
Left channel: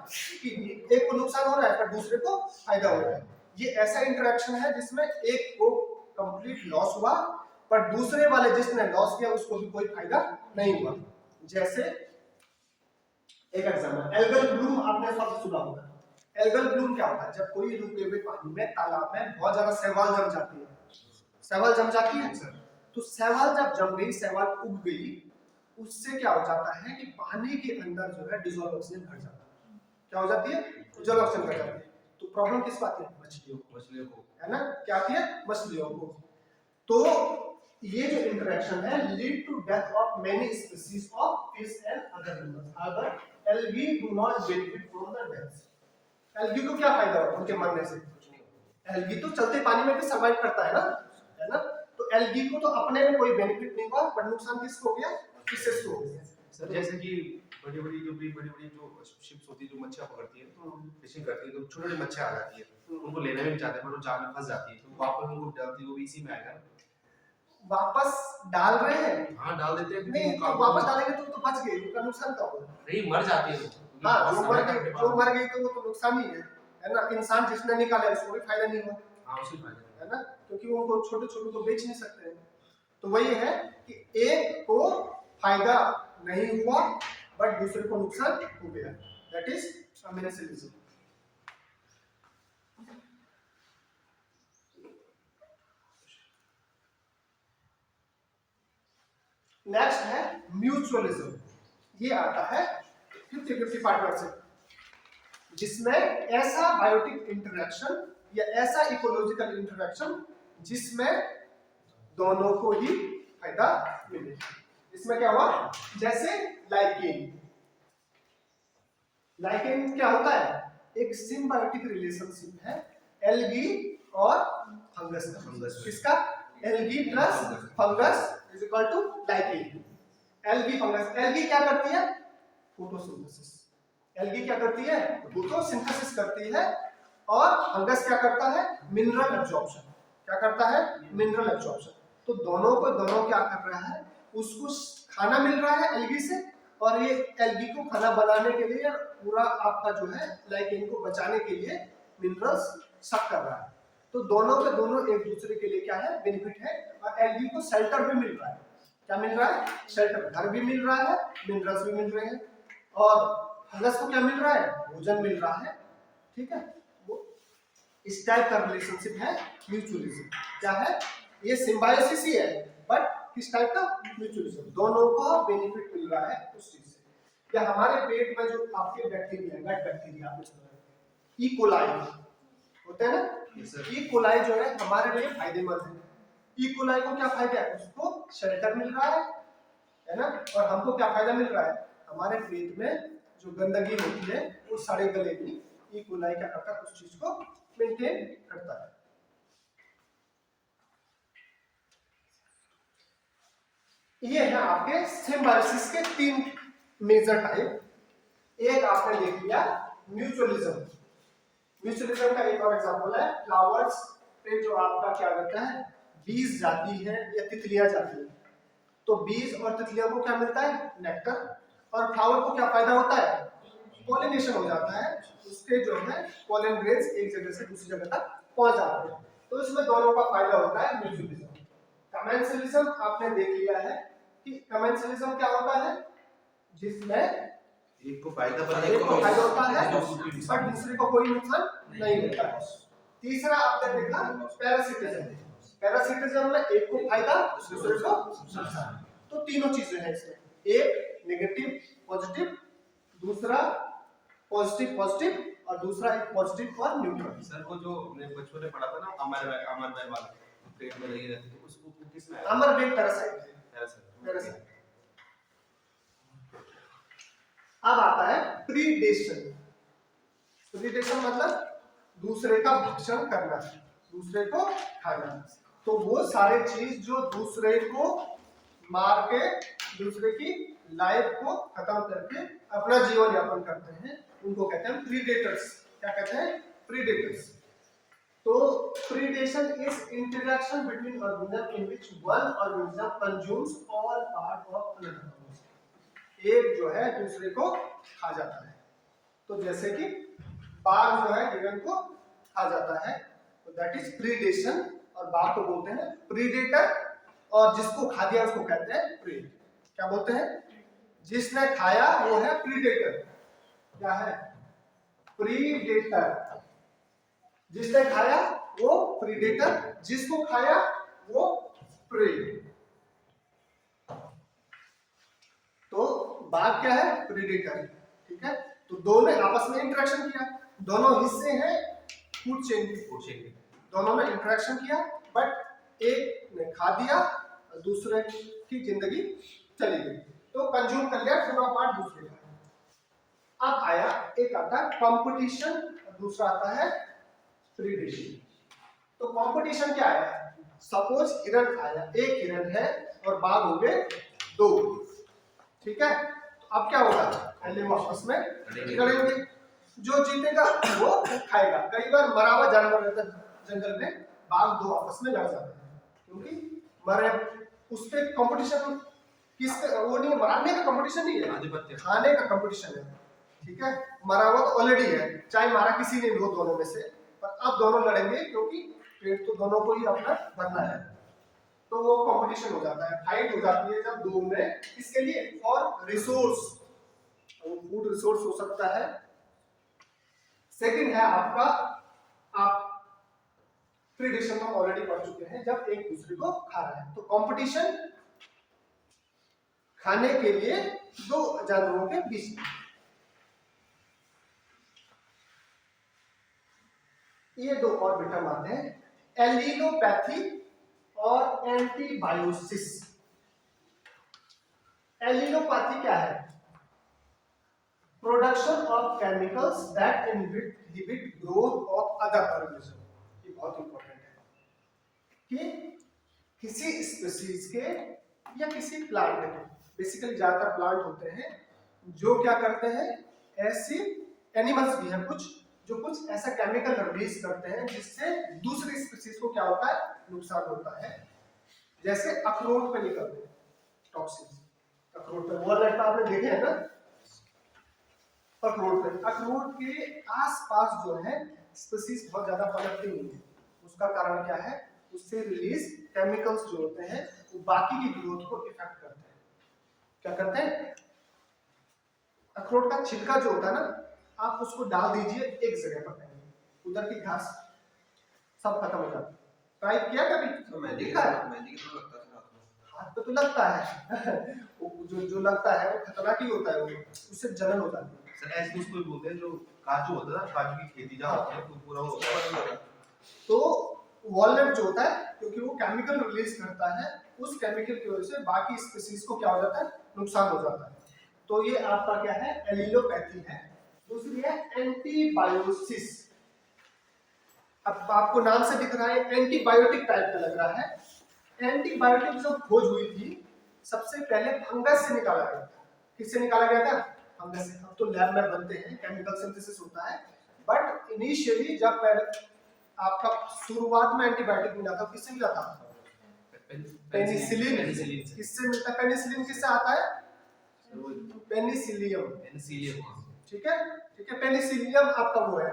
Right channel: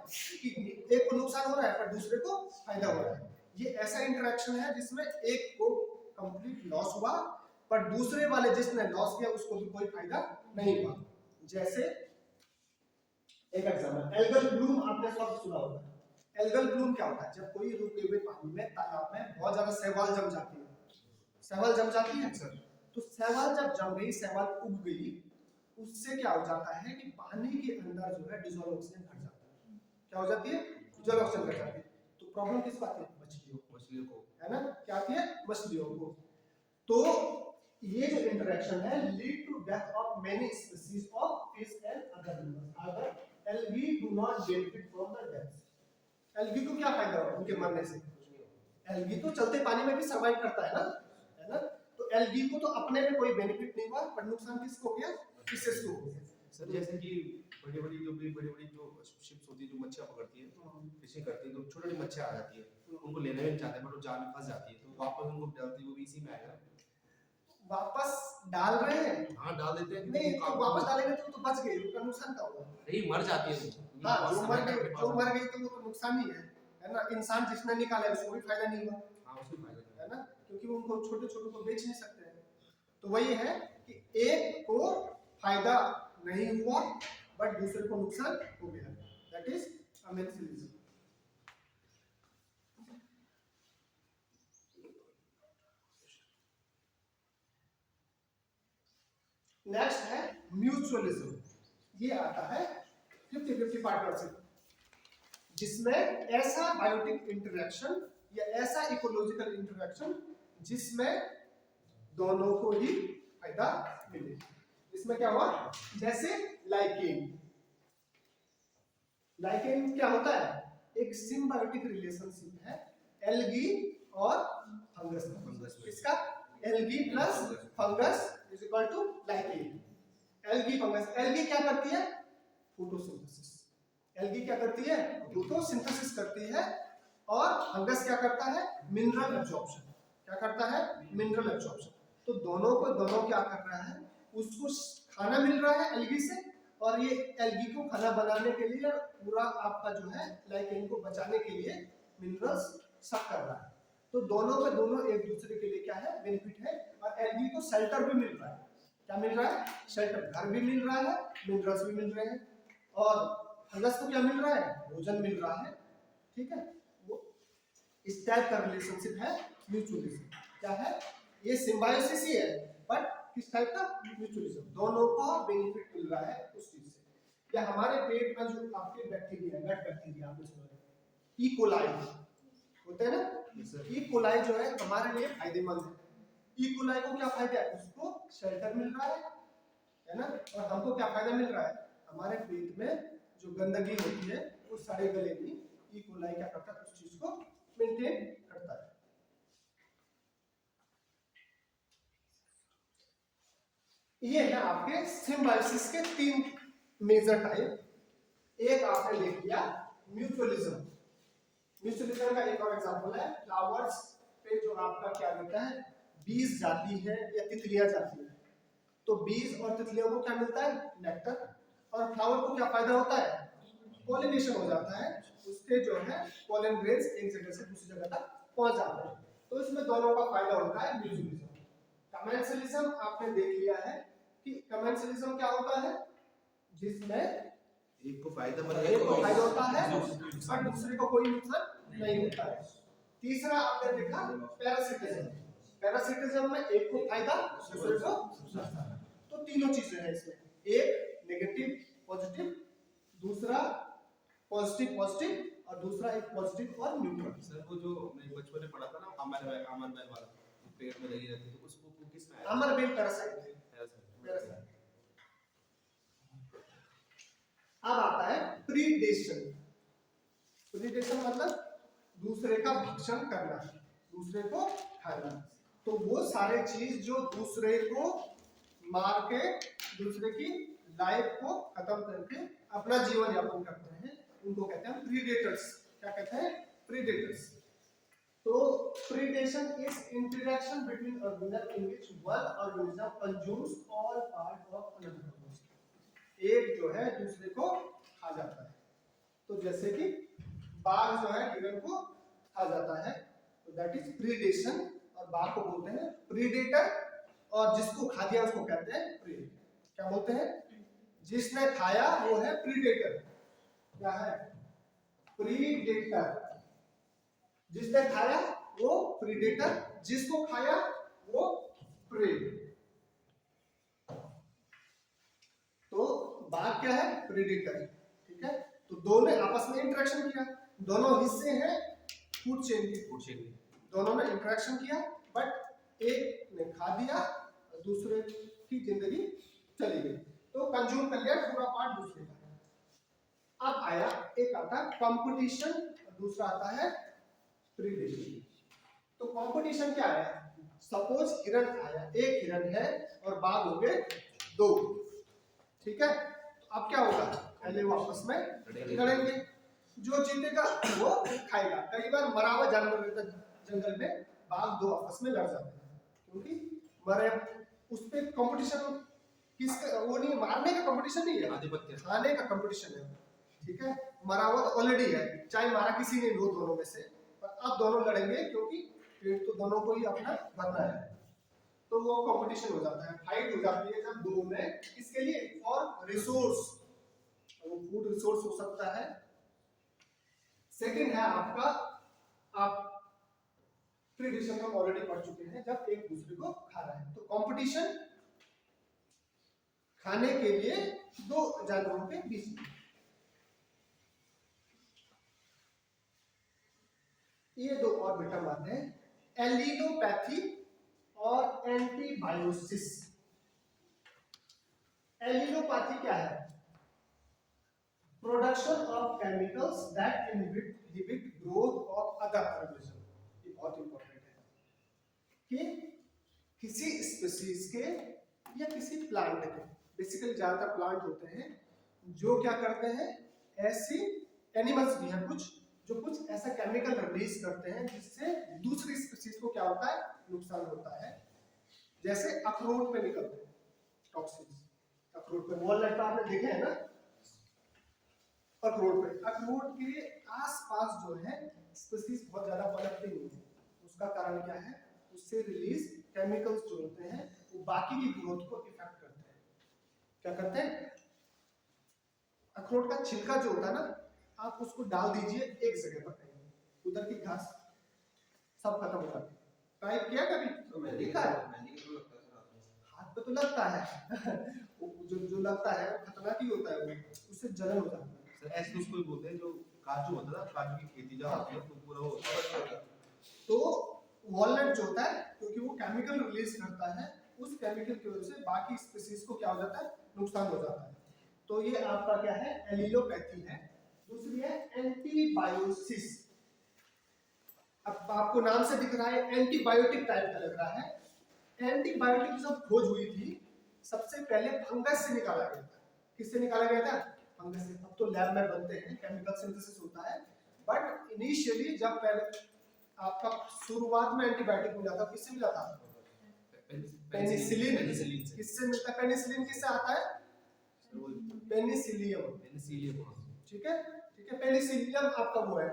कि एक को नुकसान हो रहा है पर दूसरे को फायदा हो रहा है। ये ऐसा इंटरेक्शन है जिसमें एक को कंप्लीट लॉस हुआ पर दूसरे वाले जिसने लॉस किया उसको भी कोई फायदा नहीं हुआ। जैसे एक एग्जांपल, एल्गल ब्लूम आपने शब्द सुना होगा। एल्गल ब्लूम क्या होता है, जब कोई रुके हुए पानी में, तालाब में बहुत ज्यादा शैवाल जम जाती है, शैवाल जम जाती है सर, तो शैवाल जब जम गई, शैवाल उग गई, उससे क्या हो जाता है कि पानी के अंदर जो है डिसॉल्व ऑक्सीजन घट जाता है, क्या हो जाती है, डिसॉल्व ऑक्सीजन घट जाती है। तो प्रॉब्लम किस बात है, मछलियों को, है ना, क्या आती है, मछलियों को। तो ये जो इंटरेक्शन है lead to death of many species of fish and other animals अगर algae do not benefit from the death. Algae को क्या फायदा होगा उनके मरने से, कुछ नहीं होगा, एल्गी तो चलते पानी में भी सर्वाइव करता है ना, तो एल्गी को तो अपने में कोई बेनिफिट नहीं हुआ पर नुकसान किसको हो गया, फिशेस को हो गया। सर जैसे कि बड़ी-बड़ी जो शिप्स होती है जो मच्छियां पकड़ती है, फिशिंग करती है, तो छोटी-छोटी मच्छियां आ जाती है, उनको लेने में चाहते हैं पर वो जाल में फंस जाती है, तो वापस उनको डालती है, वो भी इसी में आएगा, वापस डाल रहे हैं, हाँ डाल देते हैं, नहीं तो वापस डालेंगे तो बच गई, उनका नुकसान क्या होगा, नहीं मर जाती है वो, हाँ जो मर गई तो वो तो नुकसान ही है ना। इंसान जिसने निकाला उसको भी फायदा नहीं हुआ, हाँ उसी फायदा है ना, क्योंकि वो उनको छोटे छोटे को बेच नहीं सकते हैं। तो वही है कि एक को फायदा नहीं हुआ बट दूसरे को नुकसान हो गया, दैट इज अमेंसेलिज्म। नेक्स्ट है म्यूचुअलिज्म, ये आता है 50-50 पार्टनरशिप, जिसमें ऐसा बायोटिक इंटरेक्शन या ऐसा इकोलॉजिकल इंटरेक्शन जिसमें दोनों को ही फायदा मिले। इसमें क्या हुआ, जैसे लाइकेन, लाइकेन क्या होता है, एक सिम्बायोटिक रिलेशनशिप है एल्गी और फंगस का, किसका, algae plus fungus is equal to lichen. Algae fungus, algae क्या करती है, फोटोसिंथेसिस, एल्गी क्या करती है, फोटोसिंथेसिस करती है, और फंगस क्या करता है, मिनरल एब्जॉर्प्शन, क्या करता है, मिनरल एब्जॉर्प्शन। तो दोनों क्या कर रहा है, उसको खाना मिल रहा है एल्गी से, और ये एल्गी को खाना बनाने के लिए पूरा आपका जो है लाइकेन को बचाने के लिए मिनरल्स सक कर रहा है। तो दोनों एक दूसरे के लिए क्या है, बेनिफिट है, और एल्गी को शेल्टर भी मिल रहा है, क्या मिल रहा है, शेल्टर, घर भी मिल रहा है, मिनरल्स भी मिल रहे हैं, और फंगस को क्या मिल रहा है, भोजन मिल रहा है, ठीक है। वो इस टाइप का रिलेशनशिप है म्यूचुअलिज्म, क्या है, ये सिम्बायोसिस ही है बट किस टाइप का, म्यूचुअलिज्म, दोनों को बेनिफिट मिल रहा है उस चीज से। या हमारे पेट में जो आपके बैक्टीरिया, गट बैक्टीरिया आपने सुना है, ई कोलाई होते हैं ना, ई कोलाई जो है हमारे लिए फायदेमंद है। ई कोलाई को क्या फायदा है, उसको शेल्टर मिल रहा है ना, और हमको क्या फायदा मिल रहा है, हमारे पेट में जो गंदगी होती है वो सारे गलेगी, ई कोलाई क्या करता है, उस चीज को मेंटेन करता है। ये है आपके सिम्बायोसिस के 3 मेजर टाइप। एक आपने देख लिया म्यूचुअलिज्म, म्यूचुअलिज्म का एक और एग्जांपल है फ्लावर्स पे जो आपका क्या करता है, बीज जाती है या तितलियां जाती है, तो बीज और तितलियों को क्या मिलता है, नेक्टर, और फ्लावर को क्या फायदा होता है, पॉलिनेशन हो जाता है, उसके जो है पॉलन ग्रेन्स एक जगह से दूसरी जगह तक पहुंच जाते हैं, तो इसमें दोनों का फायदा होता है म्यूचुअलिज्म। कमेंसलिज्म आपने देख लिया है कि कमेंसलिज्म क्या होता है, जिसमें एक को फायदा होता है और दूसरे को कोई नुकसान नहीं होता है। तीसरा आपने देखा पैरासिटिज्म, पैरासिटिज्म में एक को फायदा दूसरे को नुकसान, तो तीनों चीजें हैं इसमें, एक नेगेटिव पॉजिटिव, दूसरा पॉजिटिव पॉजिटिव और दूसरा एक पॉजिटिव और न्यूट्रल। सर वो जो हमने बचपन में पढ़ा था ना अमर भाई वाला पेड़ में लगी रहती है, उसको वो किसमें आया? अमर बेग पैरासाइट है। पैरासाइट। अब आता है प्रीडेशन। प्रीडेशन मतलब दूसरे का भक्षण करना, दूसरे को खाना। तो वो सारे चीज जो दूसरे को मार के दूसरे की लाइफ को खत्म करके अपना जीवन यापन करते हैं, उनको कहते हैं प्रीडेटर्स। क्या कहते हैं? प्रीडेटर्स। तो predation is interaction between organism in which one organism consumes all part of another organism. एक जो है दूसरे को खा जाता है। तो जैसे कि बाघ जो है हिरण को खा जाता है, तो दैट इज प्रीडेशन। और बाघ को बोलते हैं प्रीडेटर, और जिसको खा दिया उसको कहते हैं प्रे। क्या बोलते हैं? जिसने खाया वो है प्रीडेटर। क्या है? प्रीडेटर। जिसने खाया वो प्रीडेटर, जिसको खाया वो प्रे। तो बाघ क्या है? प्रीडेटर। ठीक है, तो दोनों ने आपस में इंटरेक्शन किया, दोनों हिस्से हैं फूड चेन के, दोनों ने इंटरेक्शन किया, बट एक ने खा दिया और दूसरे की जिंदगी चली गई, तो कंज्यूम कर लिया पूरा पार्ट दूसरे का। अब आया एक आता है कंपटीशन, दूसरा आता है प्रीडेशन। तो कंपटीशन क्या है? सपोज हिरण आया, एक हिरण है और बाघ हो गए दो। ठीक है, तो अब क्या होगा? पहले वो आपस में लड़ेंगे, जो जीतेगा वो खाएगा। कई बार मरा हुआ जानवर रहता है जंगल में, बाघ दो आपस में लड़ जाते हैं क्योंकि मरे। उसके कंपटीशन किसका? वो नहीं, मारने का कंपटीशन नहीं है, खाने का कंपटीशन है। ठीक है, मरा हुआ तो ऑलरेडी है, चाहे मारा किसी ने हो दोनों में से, पर अब दोनों लड़ेंगे क्योंकि पेट तो दोनों को ही अपना भरना है। तो वो कंपटीशन हो जाता है, फाइट हो जाती है जब दो में। किसके लिए? For resource. वो फूड रिसोर्स हो सकता है। सेकंड है आपका, आप प्रीडेशन में ऑलरेडी पढ़ चुके हैं, जब एक दूसरे को खा रहा है। तो कंपटीशन खाने के लिए दो जानवरों के बीच में। ये दो और विटर्म आते हैं, एलिलोपैथी और एंटीबायोसिस। एलिलोपैथी क्या है? Production of chemicals that inhibit growth of other organism. ये बहुत इंपॉर्टेंट है कि किसी स्पीशीज के या किसी प्लांट के, बेसिकली ज्यादातर प्लांट होते हैं जो क्या करते हैं, ऐसे एनिमल्स भी हैं कुछ जो कुछ ऐसा केमिकल रिलीज करते हैं जिससे दूसरी स्पीशीज को क्या होता है? नुकसान होता है। जैसे अखरोट पे निकलते हैं टॉक्सिन्स, अखरोट पे, वॉलनट आपने देखे हैं ना, अखरोट के आसपास जो है स्पीशीज बहुत ज्यादा पनपती नहीं है। उसका कारण क्या है? उससे रिलीज केमिकल्स जो होते हैं वो बाकी की ग्रोथ को इफेक्ट करते हैं। क्या करते हैं? अखरोट का छिलका जो होता है ना, आप उसको डाल दीजिए एक जगह पर, उधर की घास सब खत्म हो जाती है। ट्राई किया कभी? तो मेहंदी देखा है? मेहंदी की तरह लगता है हाथ पे तो लगता है वो जो लगता है वो खतरनाक ही होता है, वो उससे जलन हो जाती है। सर ऐसे उसको बोलते हैं जो काजू होता है ना, काजू की खेती जहाँ होती है तो पूरा वो होता है। तो वॉलनट जो होता है, क्योंकि वो केमिकल रिलीज करता है, उस केमिकल की वजह से बाकी स्पीशीज को क्या हो जाता है? नुकसान हो जाता है। तो ये आपका क्या है? एलिलोपैथी है। दूसरी है एंटीबायोसिस। अब आपको नाम से दिख रहा है एंटीबायोटिक टाइप का लग रहा है। एंटीबायोटिक जब खोज हुई थी सबसे पहले फंगस से निकाला गया था। किससे निकाला गया था? फंगस से। अब तो लैब में बनते हैं, केमिकल सिंथेसिस होता है, बट इनिशियली जब पहले आपका शुरुआत में एंटीबायोटिक मिला था, किससे मिला था? पेनिसिलिन। किससे मिलता है? पेनिसिलिन किससे आता है? पेनिसिलियम। ठीक है, ठीक है, पेनिसिलियम आपका वो है,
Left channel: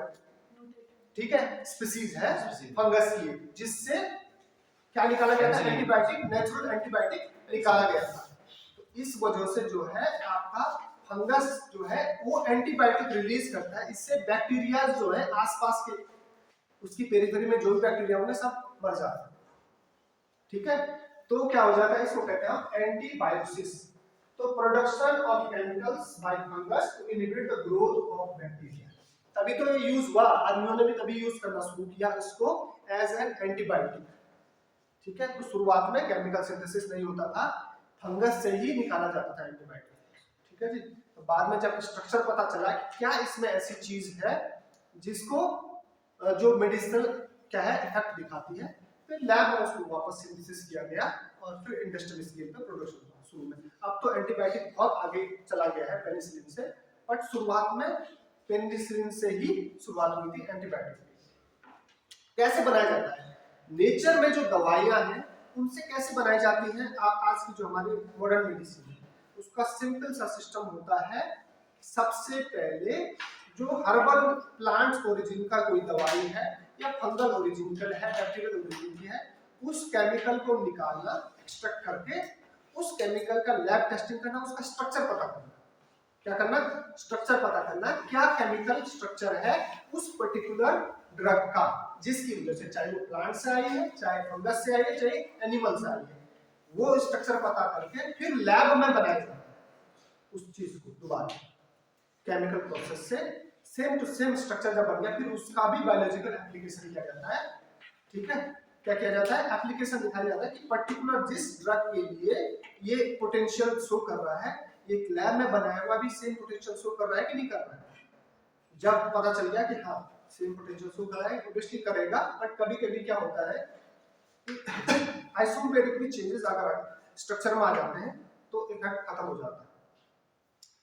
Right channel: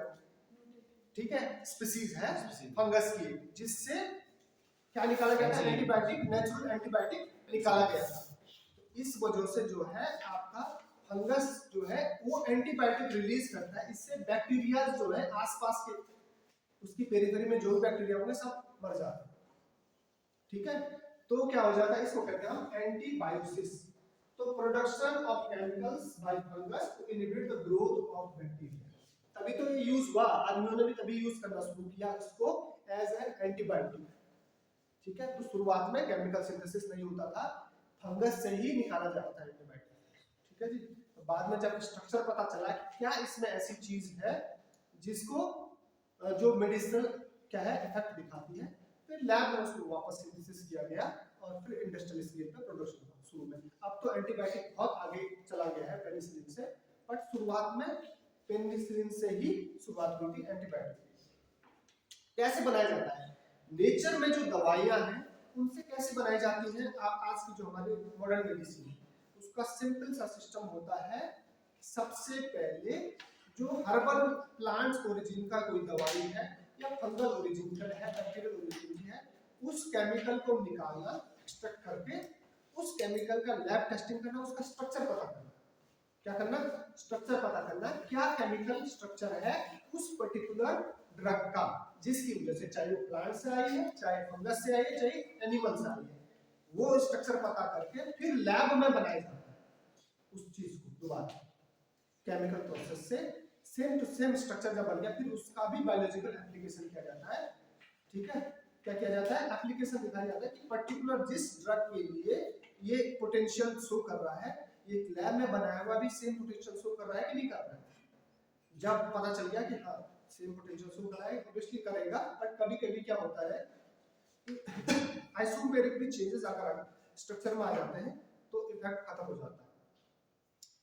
ठीक है, स्पीशीज है फंगस की, जिससे क्या निकाला गया था? एंटीबायोटिक, नेचुरल एंटीबायोटिक निकाला गया था। तो इस वजह से जो है आपका फंगस जो है वो एंटीबायोटिक रिलीज करता है। इससे बैक्टीरिया जो है आसपास के, उसकी पेरिफेरी में जो भी बैक्टीरिया होंगे सब मर जाते हैं। ठीक है, तो क्या हो जाता है? इसको कहते हैं हम एंटीबायोसिस। तो production of chemicals by fungus to inhibit the growth of bacteria. तभी तो ये यूज हुआ, आदमियों ने भी तभी यूज करना शुरू किया इसको एज एन एंटीबायोटिक। ठीक है, तो शुरुआत में केमिकल सिंथेसिस नहीं होता था, फंगस से ही निकाला जाता था एंटीबायोटिक। ठीक है जी। तो बाद में जब स्ट्रक्चर पता चला कि क्या इसमें ऐसी चीज है जिसको जो मेडिसिनल क्या है इफेक्ट दिखाती है, फिर लैब में उसको वापस सिंथेसिस किया गया और फिर इंडस्ट्रियल स्केल पे प्रोडक्शन हुआ शुरू में। अब तो एंटीबायोटिक बहुत आगे चला गया है पेनिसिलिन से, बट शुरुआत में पेनिसिलिन से ही शुरुआत हुई थी एंटीबायोटिक की। कैसे बनाया जाता है? नेचर में जो दवाइयां हैं उनसे कैसे बनाई जाती हैं? आज की जो हमारी मॉडर्न मेडिसिन है उसका सिंपल सा सिस्टम होता है। सबसे पहले जो हर्बल प्लांट्स ओरिजिन का कोई दवाई है या फंगल ओरिजिन का है, बैक्टीरियल ओरिजिन की है, उस केमिकल को निकालना, एक्सट्रैक्ट करके उस केमिकल का लैब टेस्टिंग करना, उसका स्ट्रक्चर पता करना। क्या करना? स्ट्रक्चर पता करना, क्या केमिकल स्ट्रक्चर है उस पर्टिकुलर ड्रग का, जिसकी वजह से चाहे वो प्लांट से आई है, चाहे फंगस से आई है, चाहे एनिमल से आई है, वो स्ट्रक्चर पता करके फिर लैब में बनाया जाता है उस चीज को दोबारा केमिकल प्रोसेस से सेम टू सेम स्ट्रक्चर जब बन गया, फिर उसका भी बायोलॉजिकल एप्लीकेशन किया जाता है। ठीक है, क्या किया जाता है? एप्लीकेशन दिखाया जाता है कि पर्टिकुलर जिस ड्रग के लिए ये पोटेंशियल शो कर रहा है, ये लैब में बनाया हुआ भी सेम पोटेंशियल शो कर रहा है कि नहीं कर रहा है। जब पता चल गया कि हाँ सेम पोटेंशियल शो कर रहा है, ऑब्वियसली करेगा, बट कभी कभी क्या होता है आइसोमेरिक भी चेंजेस अगर स्ट्रक्चर में आ जाते हैं तो इफेक्ट खत्म हो जाता है।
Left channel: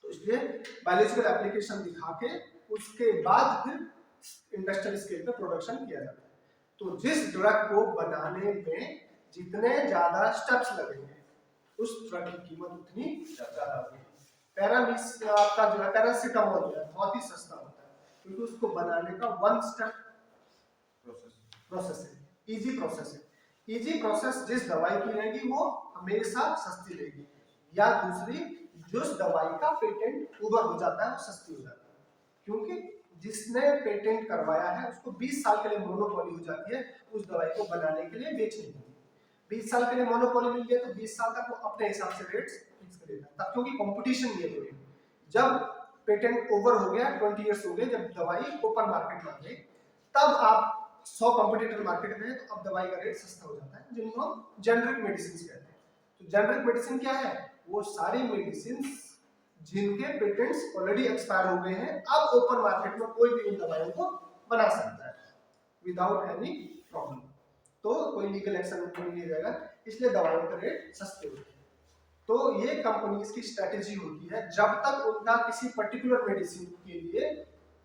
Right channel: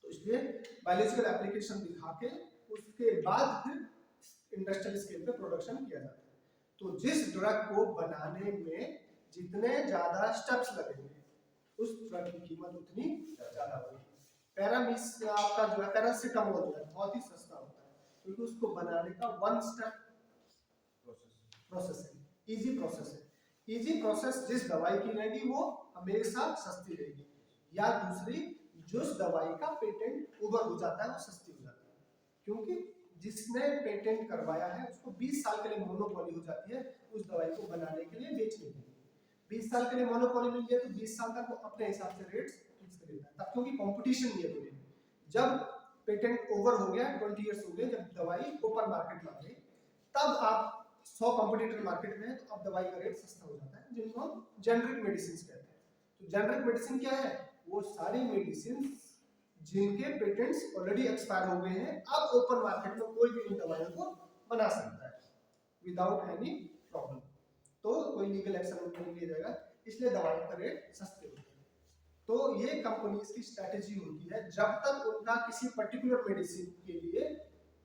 तो इसलिए बायोलॉजिकल एप्लीकेशन दिखा के उसके बाद फिर इंडस्ट्रियल स्केल पे प्रोडक्शन किया जाता है। तो जिस ड्रग को बनाने में जितने ज्यादा स्टेप्स लगेंगे उस ड्रग की कीमत उतनी ज्यादा होगी। आपका जो है पैरासिटामोल जो है बहुत ही सस्ता होता है क्योंकि उसको बनाने का वन स्टेप प्रोसेस है, इजी प्रोसेस है। इजी प्रोसेस जिस दवाई की रहेगी वो हमेशा सस्ती रहेगी, या दूसरी जिस दवाई का पेटेंट ओवर हो जाता है वो सस्ती हो जाती है, क्योंकि जिसने पेटेंट करवाया है उसको 20 साल के लिए मोनोपोली हो जाती है उस दवाई को बनाने के लिए, बेचने के लिए। 20 साल के लिए मोनोपोली मिल गया तो 20 साल तक वो अपने हिसाब से रेट्स फिक्स कर देता है, क्योंकि कंपटीशन नहीं है। जब पेटेंट ओवर हो गया, 20 इयर्स हो गए, जब दवाई ओपन मार्केट में आ गई, तब आप 100 कंपटीटर मार्केट में है तो अब दवाई का रेट सस्ता हो जाता है, जिनको हम जेनरिक मेडिसिन कहते हैं। तो जेनरिक मेडिसिन क्या है? वो सारी मेडिसिन जिनके पेटेंट्स ऑलरेडी एक्सपायर हो गए हैं, अब ओपन मार्केट में कोई भी उन दवाइयों को बना सकता है विदाउट एनी प्रॉब्लम, तो कोई लीगल एक्शन उनको नहीं लिया जाएगा, इसलिए दवाइयों का रेट सस्ते होते हैं। तो ये कंपनीज की स्ट्रेटेजी होती है, जब तक उनका किसी पर्टिकुलर मेडिसिन के लिए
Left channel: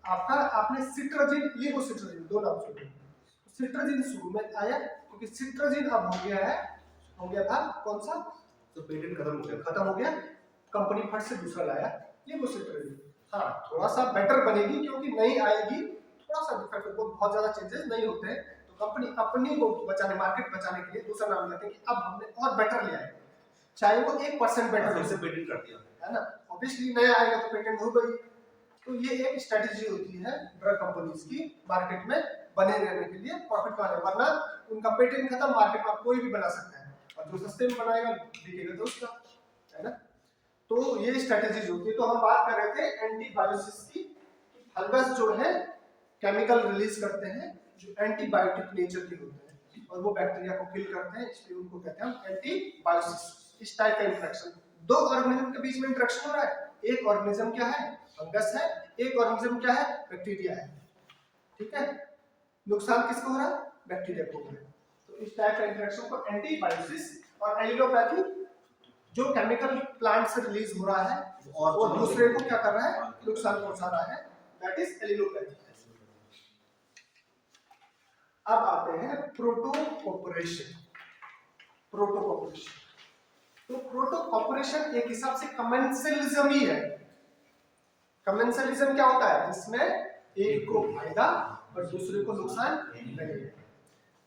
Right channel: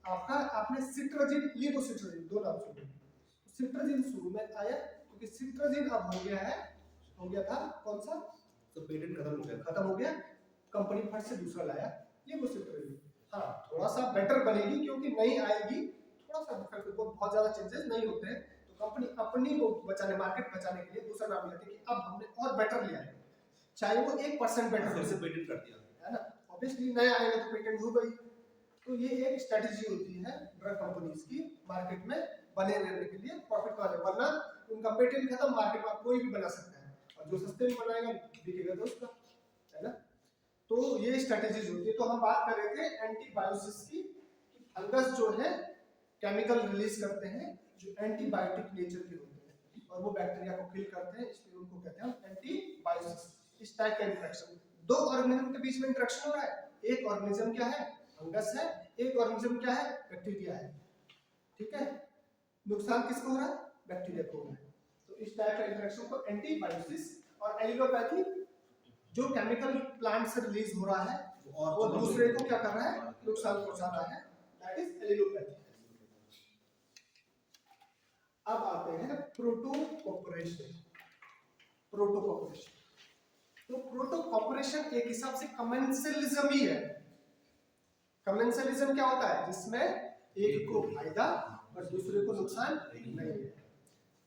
आपने सिट्राजिन, लेवोसिट्राजिन, दो नाम सुने, सिट्राजिन शुरू में आया क्योंकि सिट्राजिन अब हो गया था कौन सा, तो पेटेंट खत्म हो गया, कंपनी फट से दूसरा लाया लेवोसिट्राजिन। हाँ थोड़ा सा बेटर बनेगी क्योंकि नई आएगी, थोड़ा सा डिफरेंट, बहुत ज्यादा चेंजेस नहीं होते हैं, तो कंपनी अपनी को बचाने, मार्केट बचाने के लिए दूसरा नाम लेते हैं कि अब हमने और बेटर ले आए, चाहे वो 1% बेटर हो, पेटेंट कर दिया है ना, ऑब्वियसली नया आएगा तो पेटेंट हो गई। तो ये एक स्ट्रेटजी होती है ड्रग कंपनीज की मार्केट में बने रहने के लिए, प्रॉफिट पाने, वरना उनका पेटेंट खत्म, मार्केट में कोई भी बना सकता है और जो सस्ते में बनाएगा बिकेगा तो उसका, है ना। तो ये स्ट्रेटजीज होती है। तो हम बात कर रहे थे एंटीबायोसिस की, फंगस जो है केमिकल रिलीज करते हैं जो एंटीबायोटिक नेचर के होते हैं और वो बैक्टीरिया को किल करते हैं, इसलिए उनको कहते हैं एंटीबायोसिस। इस टाइप का इंटरेक्शन, दो ऑर्गेनिज्म के बीच में इंटरेक्शन हो रहा है, एक ऑर्गेनिज्म क्या है, फंगस है, एक ऑर्गेनिज्म क्या है, बैक्टीरिया है। ठीक है, नुकसान किसको हो रहा है, बैक्टीरिया को हो रहा है। तो इस टाइप का इंटरेक्शन को एंटीबायोसिस, और एलिलोपैथी जो केमिकल प्लांट से रिलीज हो रहा है और दूसरे को क्या कर रहा है, नुकसान पहुंचा रहा है, दैट इज एलिलोपैथी। अब आते हैं प्रोटोकॉर्पोरेशन। तो प्रोटोकॉर्पोरेशन एक हिसाब से कमेंसलिज्म ही है। कमेंसलिज्म क्या होता है, जिसमें एक को फायदा और दूसरे को नुकसान नहीं है।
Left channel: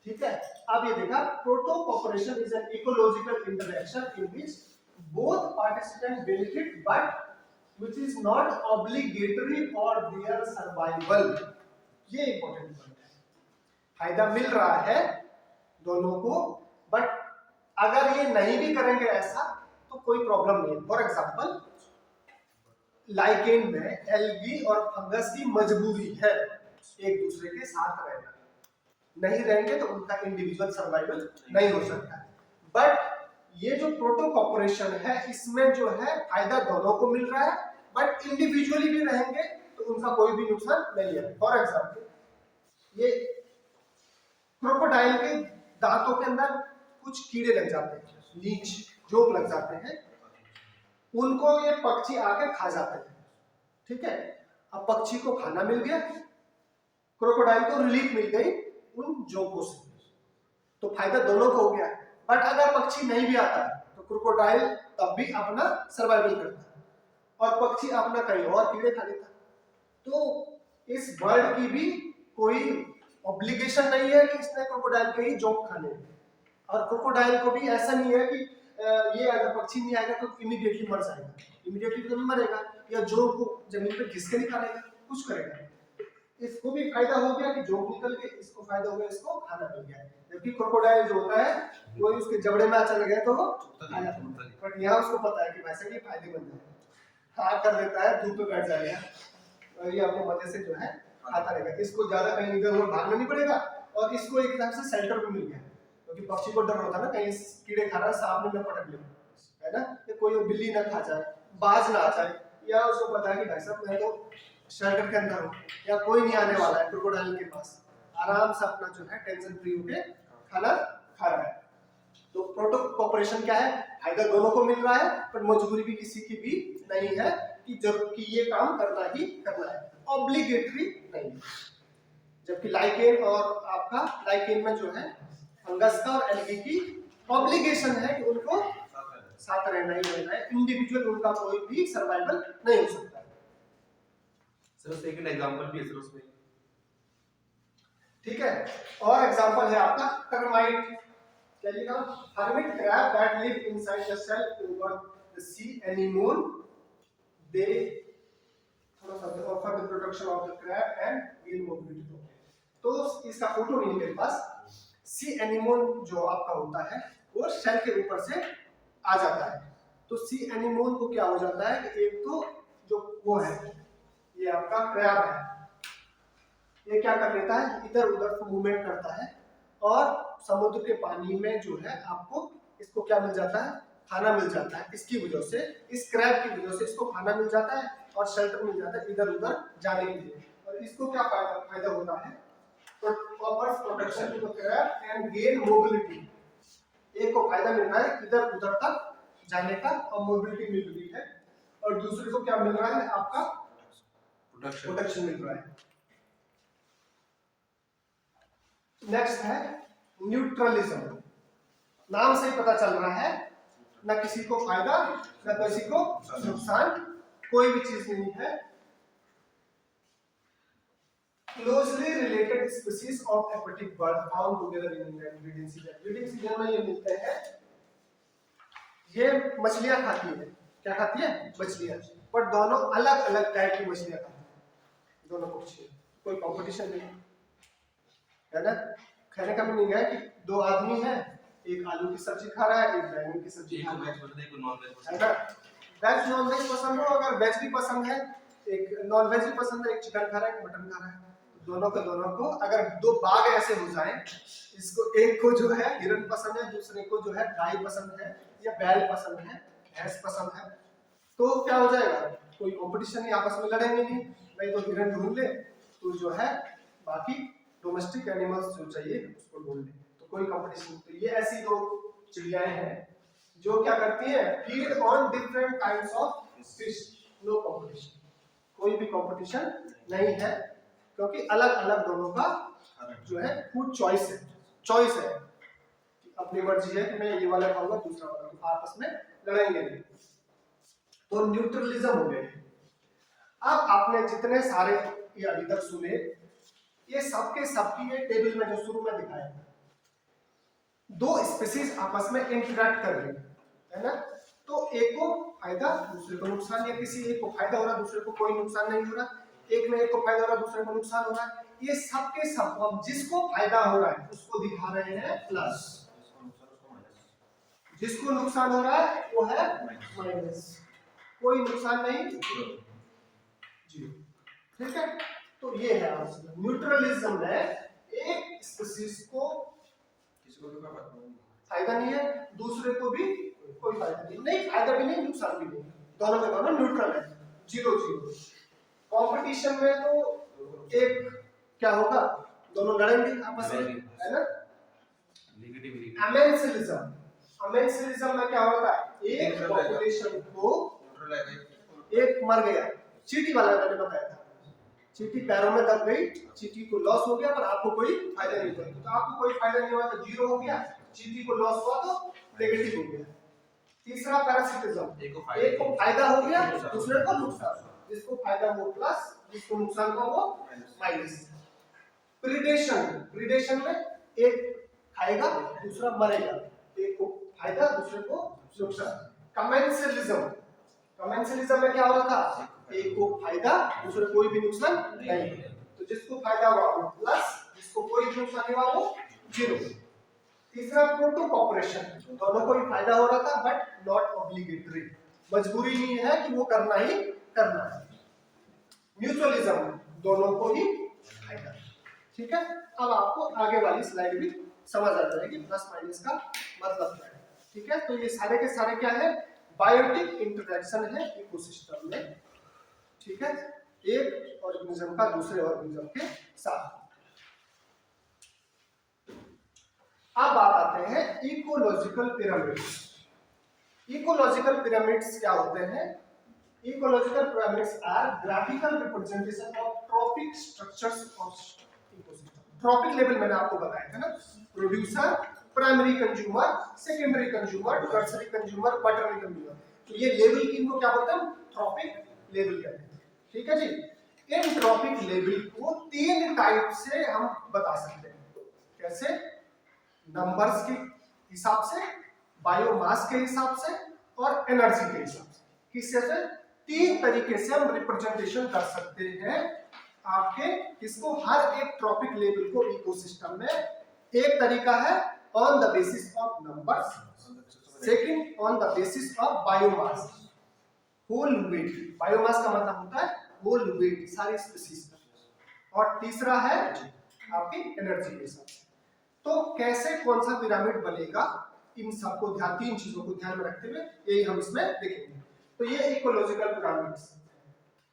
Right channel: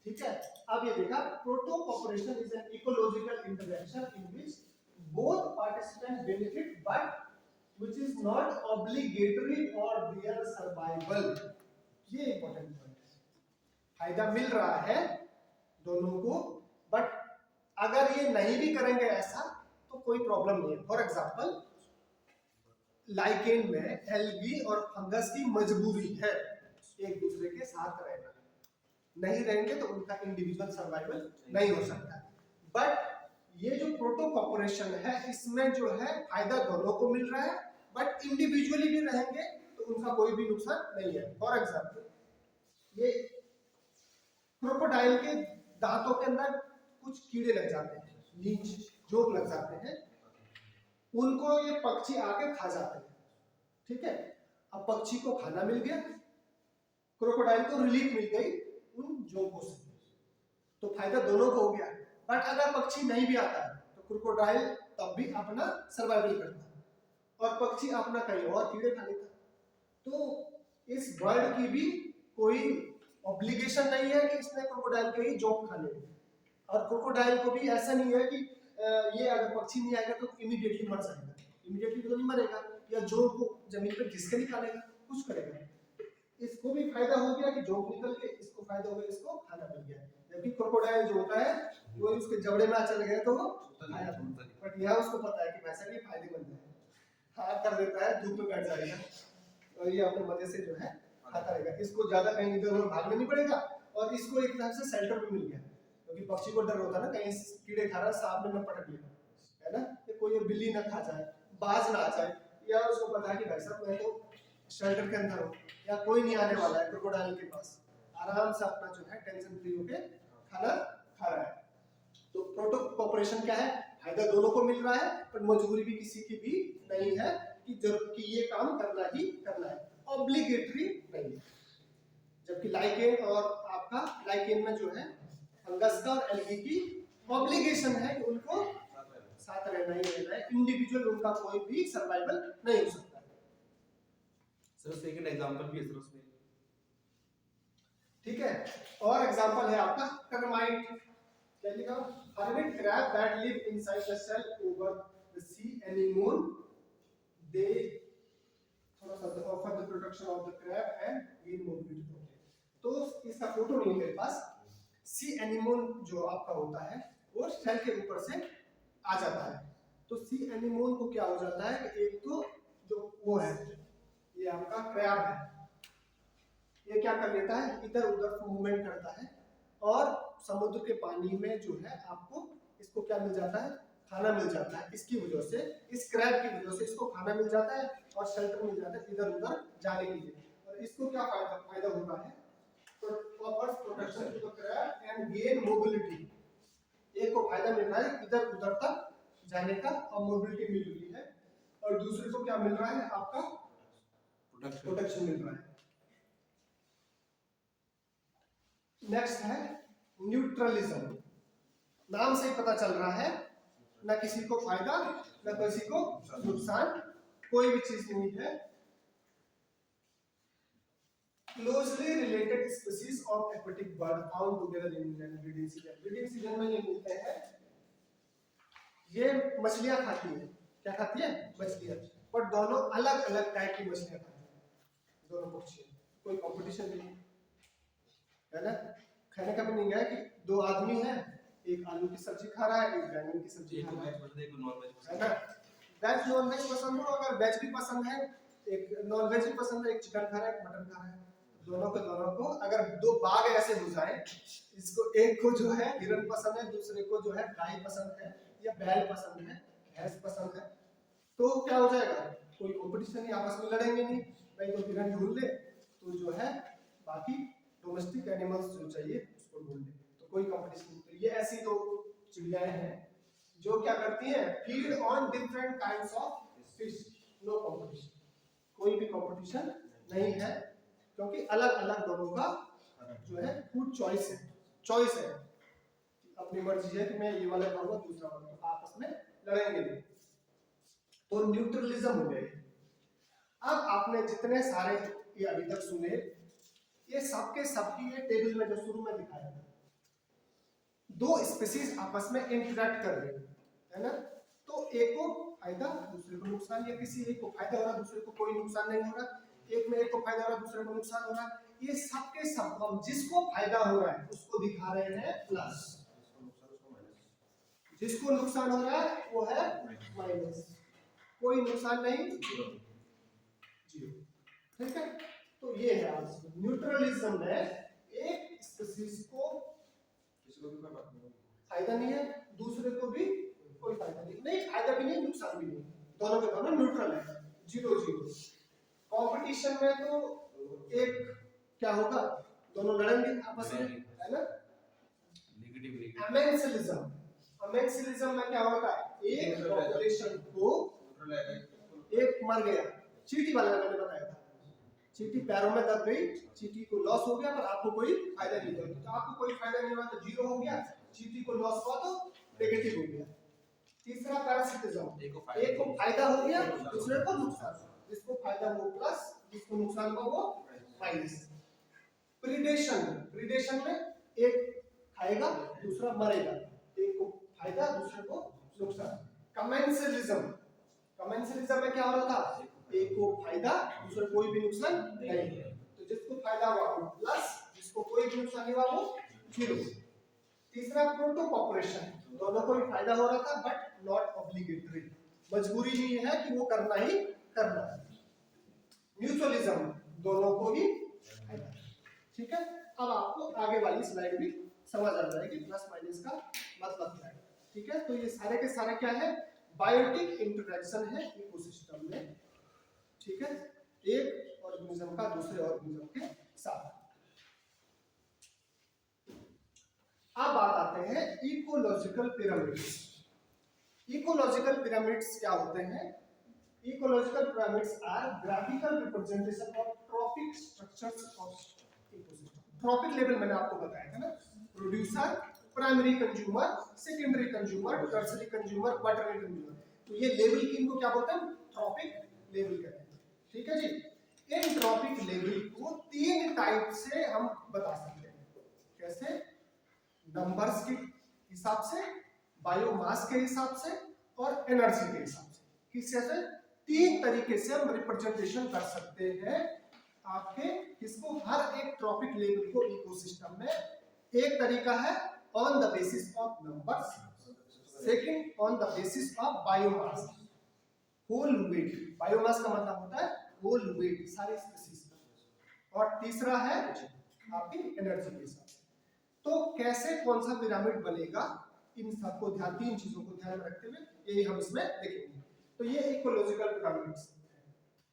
ठीक है, अब ये देखा, protocorporation is an ecological interaction in which both participants benefit but which is not obligatory for their survival। ये इंपॉर्टेंट पॉइंट है, फायदा मिल रहा है दोनों को, बट अगर ये नहीं भी करेंगे ऐसा तो कोई प्रॉब्लम नहीं है। फॉर एग्जाम्पल लाइकेन में एल्गी और फंगस की मजबूरी है एक दूसरे के साथ रहना, नहीं रहेंगे तो उनका इंडिविजुअल सर्वाइवल नहीं हो सकता है। बट ये जो प्रोटोकॉर्पोरेशन है इसमें जो है फायदा दोनों को मिल रहा है, बट इंडिविजुअली भी रहेंगे तो उनका कोई भी नुकसान नहीं है। फॉर एग्जाम्पल ये क्रोकोडाइल के दांतों के अंदर कुछ कीड़े लग जाते हैं, लीच जोक लग जाते हैं, उनको ये पक्षी आके खा जाते हैं, ठीक है। अब पक्षी को खाना मिल गया, क्रोकोडाइल को रिलीफ मिल गई उन जोकों से, तो फायदा दोनों को हो गया। बट अगर पक्षी नहीं भी आता है तो क्रोकोडाइल तब भी अपना सर्वाइवल करता है और पक्षी अपना कहीं और कीड़े खा लेता है। तो इस बर्ड की भी कोई ऑब्लिगेशन नहीं है कि इसने क्रोकोडाइल के ही जोक खाने हैं, और क्रोकोडाइल को भी ऐसा नहीं है कि ये अगर पक्षी नहीं आएगा तो इमीडिएटली मर जाएगा, इमीडिएटली तो नहीं मरेगा, या जोक को जमीन पे घिस के निकालेगा, कुछ करेगा। इसको भी फायदा हो गया कि जोक निकल के, इसको फायदा हो गया इसको खाना मिल गया। जबकि क्रोकोडाइल जो होता है वो उसके जबड़े में चल गया तो वो खाया, बट यहाँ उसको पता है कि भाई साहब ये फायदेमंद है, हाँ कर लेता है, धूप पे बैठ जाएगा और ये आपको मजे से जो है खाता रहेगा। इसको ज्यादा कहीं इधर उधर भागना नहीं पड़ेगा, और इसको एक हिसाब से शेल्टर भी मिल गया, क्योंकि पक्षी को डर होता है ना कहीं कीड़े खा रहा, सांप ने पटक लिया है ना, कि कोई बिल्ली ना खा जाए, बाज ना आ जाए, या उसको पता है कि भाई साहब मैं तो शेल्टर के अंदर हूँ या कोई नहीं आने वाला है क्रोकोडाइल के पास, आराम से अपना जो है टेंशन फ्री होके खाना खा रहा है। तो प्रोटोकॉर्पोरेशन क्या है, फायदा दोनों को मिल रहा है, पर मजबूरी भी किसी की भी नहीं है कि जरूर कि ये काम करना ही करना है, ऑब्लिगेटरी नहीं। जबकि लाइकेन और आपका लाइकेन में जो है फंगस का और एल्गी की ऑब्लिगेशन है कि उनको साथ रहना ही रहना है, इंडिविजुअल उनका कोई भी सर्वाइवल नहीं हो सकता। सर सेकंड एग्जांपल भी है सर उसमें, ठीक है। और एग्जांपल है आपका टर्माइट, क्या लिखा, hermit crab that live inside the shell over the sea anemone, they थोड़ा सा offer the protection of the crab and gain mobility। तो इसका फोटो नहीं है मेरे पास। सी एनीमोन जो आपका होता है वो शेल के ऊपर से आ जाता है, तो सी एनीमोन को क्या हो जाता है कि एक तो जो वो है ये आपका क्रैब है, ये क्या कर लेता है इधर उधर मूवमेंट करता है, और समुद्र के पानी में जो है आपको इसको क्या मिल जाता है, खाना मिल जाता है। इसकी वजह से, इस क्रैब की वजह से इसको खाना मिल जाता है और शेल्टर मिल जाता है इधर उधर जाने के लिए। और इसको क्या फायदा होता है, offers protection to the crab and gain mobility। एक को फायदा मिल रहा है इधर उधर तक जाने का और मोबिलिटी मिल रही है, और दूसरे को क्या मिल रहा है, आपका प्रोटेक्शन मिल रहा है। नेक्स्ट है न्यूट्रलिज्म। नाम से ही पता चल रहा है ना किसी को फायदा ना किसी को नुकसान, कोई भी चीज नहीं है। Closely related species of aquatic bird found together in breeding season। Breeding season में ये मिलते हैं, ये मछलियां खाती है, क्या खाती है, मछलियां, पर दोनों अलग अलग टाइप की मछलियां खाती है, दोनों पक्षी, कोई कंपटीशन नहीं है ना। खाने का भी नहीं है कि दो आदमी हैं, एक आलू की सब्जी खा रहा है एक बैंगन की सब्जी खा रहा है, है ना। वेज नॉन वेज पसंद हो, अगर वेज भी पसंद है, एक नॉन वेज भी पसंद है, एक चिकन खा रहा है एक मटन खा रहा है, दोनों को अगर दो बाघ ऐसे हो जाए, इसको एक को जो है हिरन पसंद है, दूसरे को जो है गाय पसंद है या बैल पसंद है, भैंस पसंद है, तो क्या हो जाएगा, कोई कंपटीशन नहीं, आपस में लड़ेंगे नहीं, भाई तो हिरन ढूंढ ले तो जो है बाकी डोमेस्टिक एनिमल्स जो चाहिए उसको ढूंढ ले, तो कोई कंपटीशन। तो ये ऐसी दो चिड़ियाएं हैं जो क्या करती हैं, feed on different kinds of fish, no competition, कोई भी कंपटीशन नहीं है, क्योंकि अलग अलग दोनों का जो है फूड चॉइस है, अपनी मर्जी है कि मैं ये वाला खाऊंगा दूसरा वाला, तो आपस में लड़ेंगे नहीं, तो न्यूट्रलिज्म हो गए। अब आपने जितने सारे ये अभी तक सुने, ये सबके सबकी ये टेबल में जो शुरू में दिखाया, दो स्पीशीज आपस में इंटरैक्ट कर रही है ना, तो एक को फायदा दूसरे को नुकसान, या किसी एक को फायदा हो रहा दूसरे को कोई नुकसान नहीं हो रहा, एक में एक को फायदा हो रहा दूसरे को नुकसान हो रहा है, ये सब के सब हम जिसको फायदा हो रहा है उसको दिखा रहे हैं प्लस, जिसको नुकसान हो रहा है वो है माइनस, कोई नुकसान नहीं, जीरो। ठीक है, तो ये है आंसर। न्यूट्रलिज्म में एक स्पीशीज को किसी को भी कोई बात नहीं। फायदा नहीं है, दूसरे को भी कोई फायदा नहीं, नहीं फायदा भी नहीं नुकसान भी नहीं, दोनों के दोनों न्यूट्रल है, जीरो जीरो। कंपटीशन में तो एक क्या होगा, दोनों लड़ेंगे आपस में, है ना। अमेंसिलिज्म, अमेंसिलिज्म में क्या होता है, एक पॉपुलेशन को, एक मर गया, चींटी वाला मैंने बताया था, चींटी पैरों में दब गई, चींटी को लॉस हो गया पर आपको कोई फायदा नहीं हुआ, तो आपको कोई फायदा नहीं हुआ तो जीरो हो गया, चींटी को लॉस हुआ तो नेगेटिव हो गया। तीसरा पैरासिटिज्म, एक को फायदा हो गया, दूसरे को नुकसान, जिसको फायदा वो प्लस, जिसको नुकसान हुआ वो माइनस। प्रीडेशन, प्रीडेशन में एक खाएगा दूसरा मरेगा, एक को फायदा दूसरे को नुकसान। कमेंसलिज्म, कमेंसलिज्म में क्या हो रहा था, एक को फायदा दूसरे कोई भी नुकसान नहीं, तो जिसको फायदा हुआ वो प्लस, जिसको कोई भी नुकसान नहीं हुआ वो जीरो। तीसरा प्रोटो कॉर्पोरेशन, दोनों को भी फायदा हो रहा था बट नॉट ऑब्लिगेटरी, मजबूरी नहीं है कि वो करना ही करना है। म्यूचुअलिज्म, दोनों को ही फायदा। ठीक है, अब आपको आगे वाली स्लाइड भी समझ आ जाएगी प्लस माइनस का मतलब क्या है। ठीक है, तो ये सारे के सारे क्या है, बायोटिक इंटरेक्शन है इकोसिस्टम में। ठीक है, एक ऑर्गेनिज्म का दूसरे ऑर्गेनिज्म के साथ। अब बात आते हैं इकोलॉजिकल पिरामिड्स। इकोलॉजिकल पिरामिड्स क्या होते हैं, ecological pyramids are graphical representation of tropic structures of ecosystem. Tropic level मैंने आपको बताया था ना, producer, primary consumer, secondary consumer, tertiary consumer, quaternary consumer, तो ये लेवल किनको क्या बोलते हैं, ट्रॉपिक लेवल कहते हैं। ठीक है जी, इन ट्रॉपिक लेवल को तीन टाइप से हम बता सकते हैं, कैसे, नंबर्स के हिसाब से, बायोमास के हिसाब से और एनर्जी के हिसाब से। किससे से, तीन तरीके से हम रिप्रेजेंटेशन कर सकते हैं आपके किसको, हर एक ट्रॉपिक लेवल को इकोसिस्टम में। एक तरीका है on the basis of numbers, second on the basis of biomass, whole weight, biomass का मतलब होता है होल वेट, सारी स्पीशीज का, और तीसरा है आपकी एनर्जी के हिसाब से। तो कैसे कौन सा पिरामिड बनेगा, इन सबको ध्यान, तीन चीजों को ध्यान में रखते हुए यही हम इसमें देखेंगे। तो ये इकोलॉजिकल पिरामिड्स,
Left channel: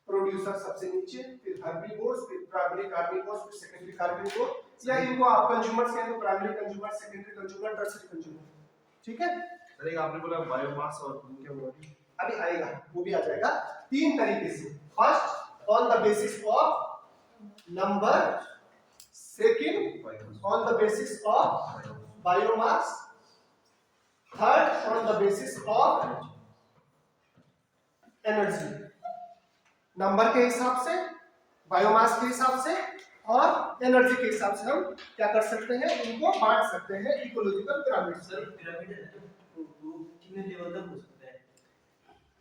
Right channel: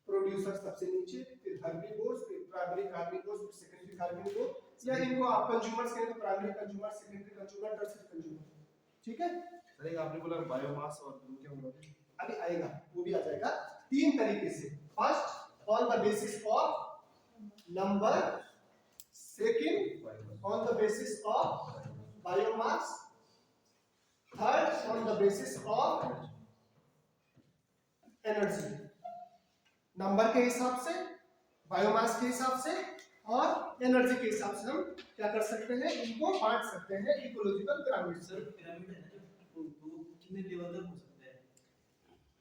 प्रोड्यूसर सबसे नीचे, फिर हर्बीवोर्स, फिर प्राइमरी कार्निवोर्स, फिर सेकेंडरी कार्निवोर्स, या इनको आप कंज्यूमर्स कहें तो primary consumer, secondary consumer, tertiary consumer. ठीक है, अरे आपने बोला बायोमास और क्या बोला, अभी आएगा वो भी आ जाएगा तीन तरीके से। First on the basis of number, second on the basis of biomass, third on the basis of energy, number के हिसाब से, बायोमास के हिसाब से और एनर्जी के हिसाब से हम क्या कर सकते हैं, इनको बांट सकते हैं इकोलॉजिकल पिरामिड। सर पिरामिड है ना, तो वो कितने लेवल तक हो सकता है?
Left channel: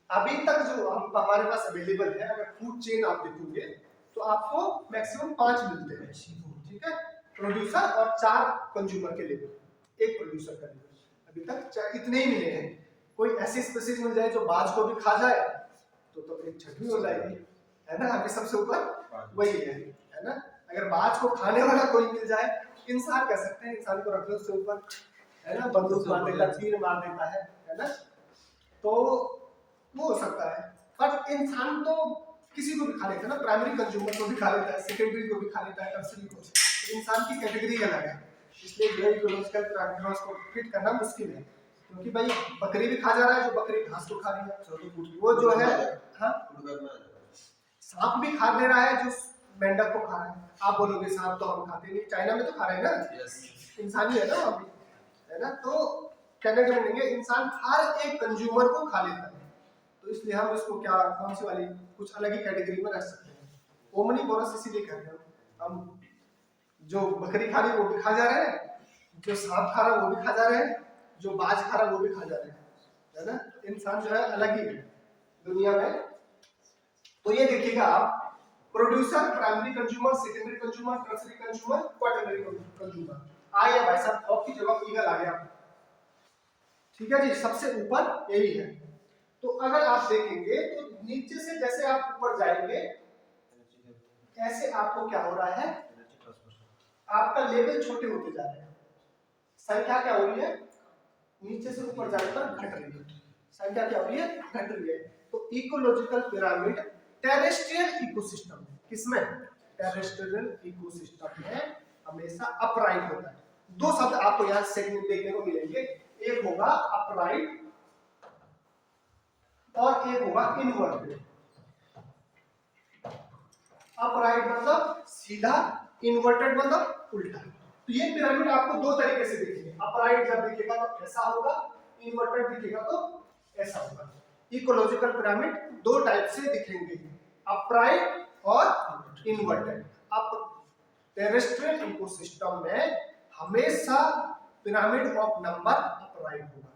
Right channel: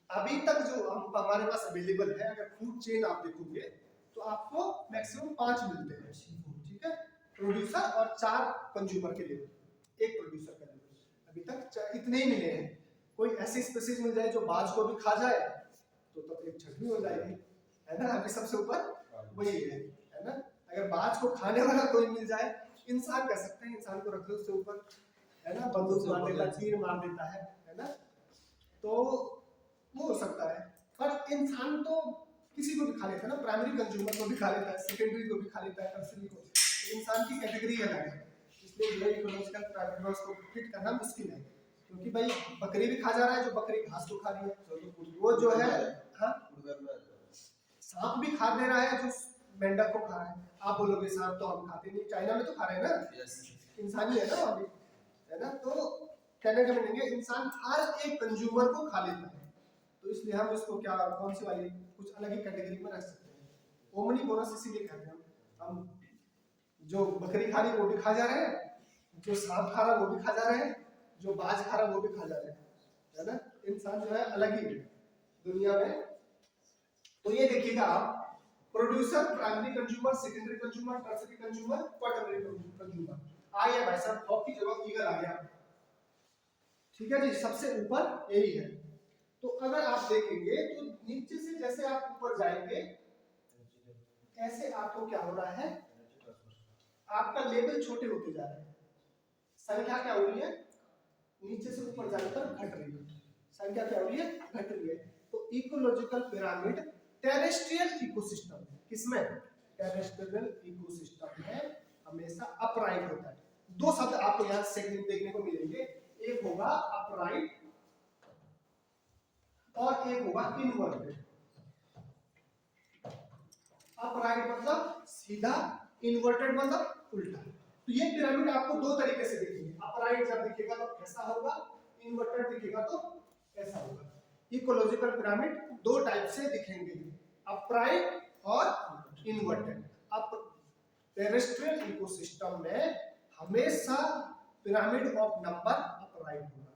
अभी तक जो हमारे पास अवेलेबल है, अगर फूड चेन आप देखोगे तो आपको मैक्सिमम 5 मिलते हैं। ठीक है, प्रोड्यूसर और 4 कंज्यूमर के लेवल, एक प्रोड्यूसर का लेवल, अभी तक इतने ही मिले हैं। कोई ऐसी स्पीशीज मिल जाए जो बाज को भी खा जाए तो एक छठवीं हो जाएगी, है ना। अभी सबसे ऊपर वही है ना। अगर बाज को खाने वाला कोई मिल जाए, इंसान कह सकते हैं, इंसान को रख लो उससे ऊपर, है ना, बंदूक मार देता, तीर मार देता है ना, तो वो हो सकता है। बट इंसान तो किसी को भी खा लेता है ना, प्राइमरी कंज्यूमर को भी खा लेता है, सेकेंडरी को भी खा लेता है, टर्शियरी को। इंसान की कैटेगरी अलग है, इसलिए जो इकोलॉजिकल पिरामिड्स को फिट करना मुश्किल है, क्योंकि भाई बकरी भी खा जा रहा है, जो बकरी घास को खा रही है, वो जो है, हाँ, सांप भी खा दे रहा है जो मेंढक को खा रहा है। आप बोलोगे सांप तो हम खाते नहीं, चाइना में तो खा रहे हैं ना, इंसान ही है ना अभी, है ना। तो कहने का मतलब है इंसान हर एक कंज्यूमर को खा लेता है, तो इसलिए हम इसको क्या, कौन सी वाली, कुछ अलग ही कैटेगरी में रख सकते हैं। ओमनीवोरस इसीलिए कहते हैं हम, जो बकरी खा रही वो भी खा जा रहे हैं, जो सांप खा रहा वो भी खा जा रहे हैं, जो बाज खा रहा वो भी खा जा रहे हैं, है ना। इंसान जो है अलग ही है दुनिया में। तो ये देखिएगा आप, producer, primary consumer, secondary consumer, tertiary consumer, quaternary consumer. आ गया भाई साहब, ऑफ की जगह ईगल आ गया। ठीक है जी, सबसे ऊपर यही है। तो अगर आप देखेंगे तो नीचे से जैसे आप ऊपर जाएंगे ऐसे आपको क्या हो रहा है, आपका लेवल छोटे होते जा रहे हैं, संख्या क्या हो रही है, नीचे से ऊपर जाने पर घट रही है, संख्या क्या हो रही है, घट रही है। तो इकोलॉजिकल पिरामिड टेरेस्ट्रियल इकोसिस्टम, किसमें, टेरेस्ट्रियल इकोसिस्टम में हमेशा अपराइट होता है। दो शब्द आपको यहां से देखने को मिलेंगे, एक होगा अपराइट और एक होगा इनवर्टेड। अपराइट मतलब सीधा, इन्वर्टेड मतलब उल्टा। तो ये पिरामिड आपको दो तरीके से दिखेंगे, अपराइट जब दिखेगा तो ऐसा होगा, इन्वर्टेड दिखेगा तो ऐसा होगा। इकोलॉजिकल पिरामिड दो टाइप से दिखेंगे, अपराइट और इन्वर्टेड। अब टेरेस्ट्रियल इकोसिस्टम में हमेशा पिरामिड ऑफ नंबर अपराइट होगा,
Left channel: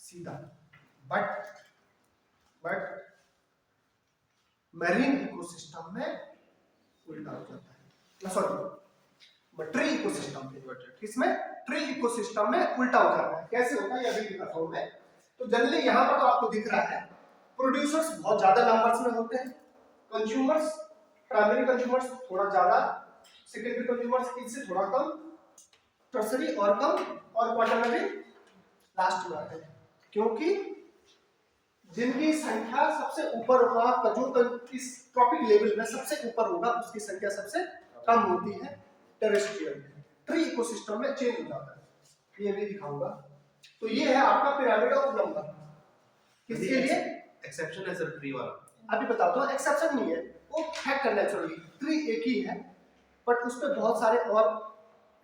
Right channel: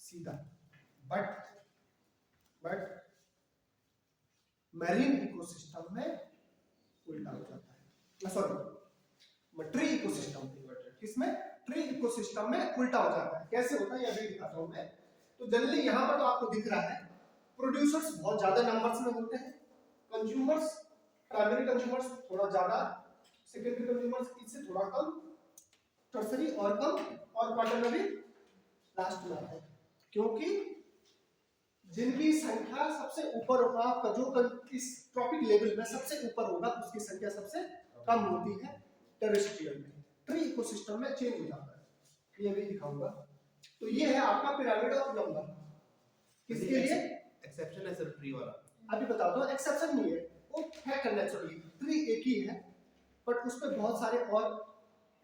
सीधा। बट मैरीन इकोसिस्टम में उल्टा हो जाता है, सॉरी ट्री इकोसिस्टम में, किसमें, ट्री इकोसिस्टम में उल्टा हो जाता है। कैसे होता है ये अभी दिखाता हूं मैं। तो जनरली यहां पर तो आपको दिख रहा है प्रोड्यूसर्स बहुत ज्यादा नंबर्स में होते हैं, कंज्यूमर्स, प्राइमरी कंज्यूमर्स थोड़ा ज्यादा, सेकेंडरी कंज्यूमर्स इससे थोड़ा कम, टर्सरी और कम, और क्वाटरनरी लास्ट में आते हैं। क्योंकि जिनकी संख्या सबसे ऊपर होगा, जो इस ट्रॉपिक लेवल में सबसे ऊपर होगा उसकी संख्या सबसे कम होती है टेरेस्ट्रियल में। ट्री इकोसिस्टम में चेंज हो जाता है, ये भी दिखाऊंगा। तो ये है आपका पिरामिड ऑफ नंबर। किसके लिए एक्सेप्शन है सर ट्री वाला, अभी बताता हूँ। एक्सेप्शन नहीं है, वो फैक्ट है, नेचुरली ट्री एक ही है बट उस पर बहुत सारे और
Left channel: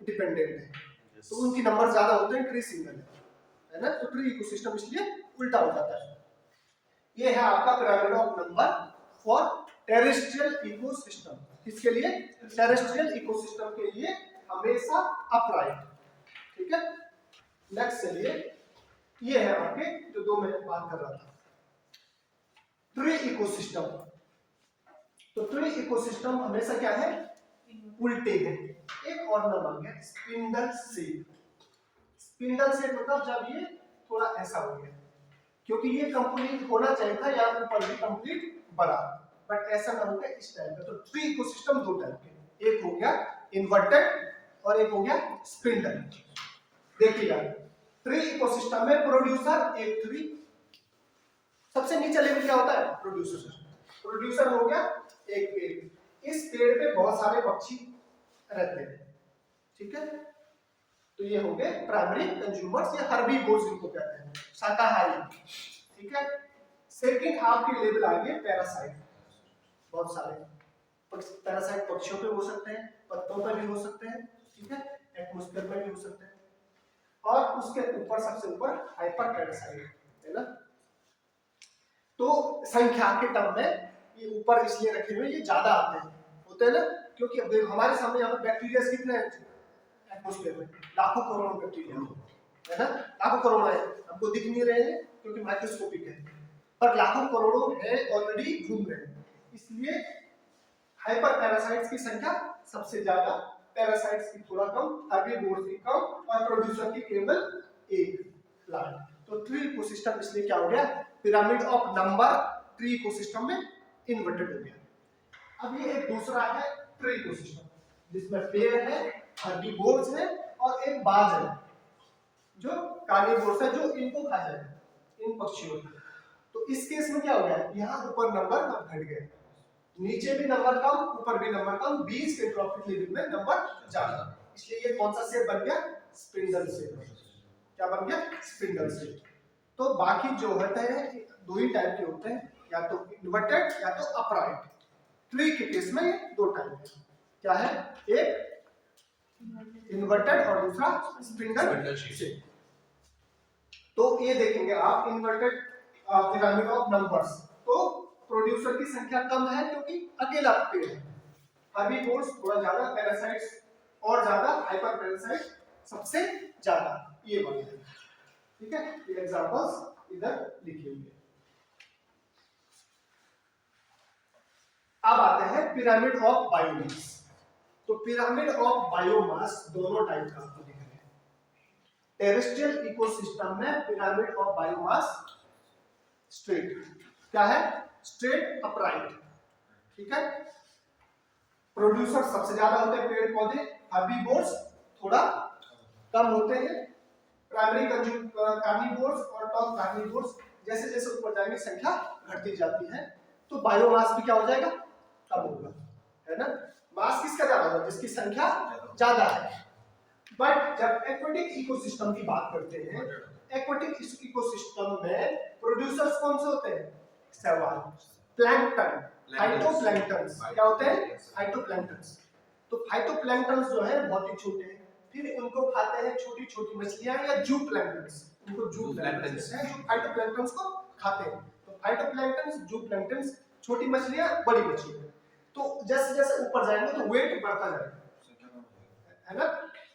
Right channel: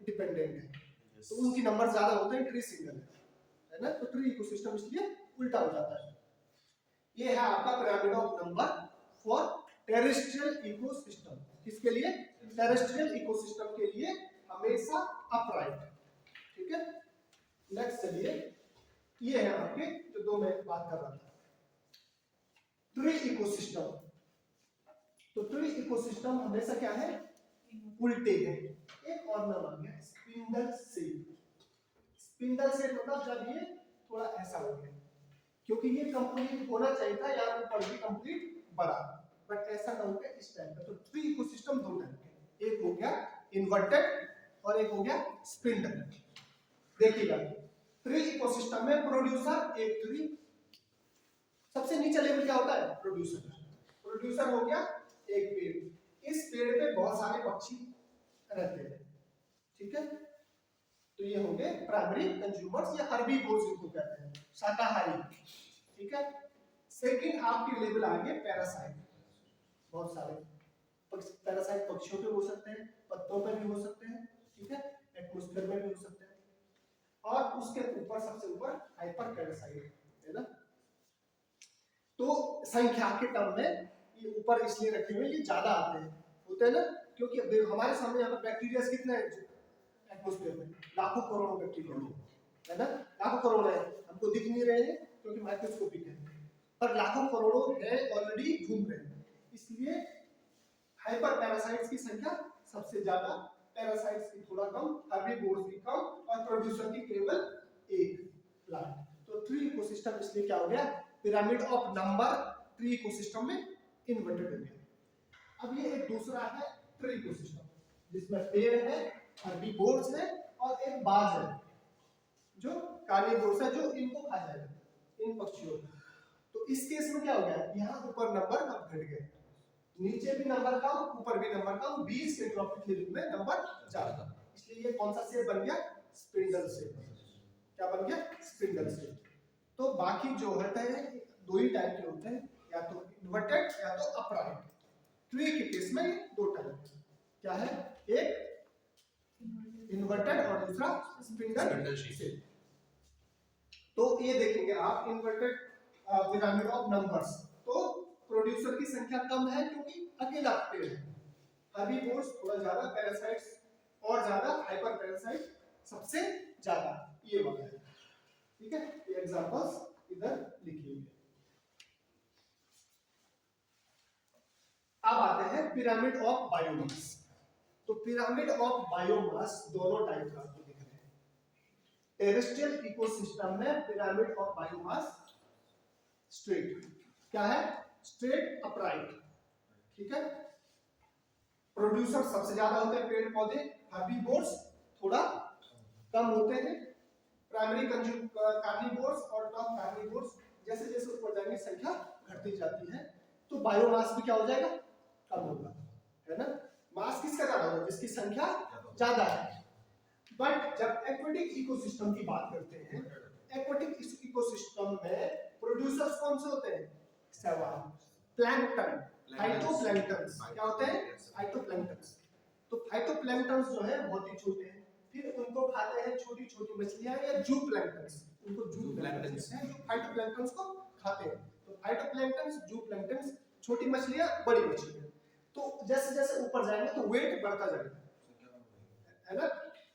डिपेंडेंट है, तो उनकी नंबर ज्यादा होते हैं, ट्री सिंगल है ना। तो ट्री इकोसिस्टम इसलिए उल्टा हो जाता है। ये है आपका pyramid of number for terrestrial ecosystem. किसके लिए, टेरेस्ट्रियल इकोसिस्टम के लिए हमेशा अपराइट, ठीक है। नेक्स्ट चलिए, ये है आपके जो दो मैं बात कर रहा था, ट्री इकोसिस्टम। तो ट्री इकोसिस्टम हमेशा क्या है, उल्टे हैं। एक और नाम आ गया स्पिंडल शेप। स्पिंडल शेप मतलब जब ये थोड़ा ऐसा हो गया, क्योंकि ये कंप्लीट होना चाहिए था या ऊपर भी कंप्लीट बड़ा, बट ऐसा ना हो गया इस टाइप का। तो ट्री इकोसिस्टम दो टाइप के, एक हो गया इन्वर्टेड और एक हो गया स्पिंडल। देखिएगा ट्री इकोसिस्टम में प्रोड्यूसर एक ट्री, सबसे नीचे लेवल क्या होता है, प्रोड्यूसर। प्रोड्यूसर हो गया एक पेड़, इस पेड़ पे बहुत सारे पक्षी रहते हैं, ठीक है। तो ये हो गए प्राइमरी कंज्यूमर्स या हर्बीवोर्स जिनको कहते हैं, शाकाहारी, ठीक है। सेकंड आपके लेवल आएंगे पैरासाइट, बहुत सारे पैरासाइट पक्षियों पे हो सकते हैं, पत्तों पे भी हो सकते हैं, ठीक है, एटमॉस्फेयर में भी हो सकते हैं। और उसके ऊपर सबसे ऊपर हाइपर पैरासाइट है ना। तो संख्या के टर्म में ये ऊपर इसलिए रखे हुए, ये ज्यादा आते हैं, होते हैं ना, क्योंकि अब देखो हमारे सामने यहाँ पर बैक्टीरिया कितने हैं एटमॉस्फेयर में, लाखों करोड़ों बैक्टीरिया है ना, लाखों करोड़ों है, हमको दिख नहीं रहे हैं क्योंकि माइक्रोस्कोपिक है, पर लाखों करोड़ों हैं ऑलरेडी घूम रहे हैं। इसलिए हाइपर पैरासाइट्स की संख्या सबसे ज्यादा, पैरासाइट्स की थोड़ा कम, हर्बीवोर्स की कम, और प्रोड्यूसर की केवल एक प्लांट। तो ट्री इकोसिस्टम इसलिए क्या हो गया, pyramid of number tree ecosystem में इन्वर्टेड हो गया। अब ये एक दूसरा है ट्री इकोसिस्टम जिसमें पेड़ है, हर्बीवोर्स है और एक बाज है जो कार्निवोर्स है, जो इनको खा जाएगा, इन पक्षियों को। तो इस केस में क्या हो गया, यहाँ ऊपर नंबर घट गए, नीचे भी नंबर कम, ऊपर भी नंबर कम, बीच के ट्रॉपिक लेवल में नंबर ज्यादा। इसलिए ये कौन सा शेप बन गया, स्पिंडल शेप। क्या बन गया, स्पिंडल शेप। तो बाकी जो होते हैं दो ही टाइप के होते हैं, या तो इन्वर्टेड या तो अपराइट। ट्री के केस में दो टाइप है, क्या है, एक इन्वर्टेड और दूसरा स्पिंडल शेप। तो ये देखेंगे आप इन्वर्टेड पिरामिड ऑफ नंबर्स, तो प्रोड्यूसर की संख्या कम है क्योंकि अकेला पेड़ है, हर्बीवोर्स थोड़ा ज्यादा, पैरासाइट्स और ज्यादा, हाइपर पैरासाइट सबसे ज्यादा, ये बात है, ठीक है। ये एग्जांपल्स इधर लिखे हुए। अब आते हैं पिरामिड ऑफ बायोमास। तो पिरामिड ऑफ बायोमास दोनों टाइप का आपको दिख रहे हैं, टेरेस्ट्रियल इकोसिस्टम में पिरामिड ऑफ बायोमास स्ट्रेट, क्या है, स्ट्रेट अपराइट, ठीक है। प्रोड्यूसर सबसे ज्यादा होते हैं पेड़ पौधे, हर्बीवोर्स थोड़ा कम होते हैं, प्राइमरी कार्निवोर्स और टॉप कार्निवोर्स जैसे जैसे ऊपर जाएंगे संख्या घटती जाती है, तो बायोमास भी क्या हो जाएगा, कम होगा, है ना। मास किसका ज्यादा होगा, जिसकी संख्या ज्यादा है। बट जब एक्वेटिक इकोसिस्टम की बात करते हैं, एक्वेटिक इकोसिस्टम में प्रोड्यूसर्स कौन से होते हैं, सवाल प्लैंकटन, फाइटोप्लैंक्टन्स, क्या होते हैं, फाइटोप्लैंक्टन्स। तो फाइटोप्लैंक्टन्स जो है बहुत ही छोटे हैं, फिर उनको खाते हैं छोटी छोटी मछलियां या जूप्लैंक्टन्स, उनको जूप्लैंक्टन्स हैं जो फाइटोप्लैंक्टन्स को खाते हैं। तो फाइटोप्लैंक्टन्स, जूप्लैंक्टन्स, छोटी मछलियां, बड़ी मछलियां। तो जैसे जैसे ऊपर जाएंगे तो वेट बढ़ता जाएगा, है ना,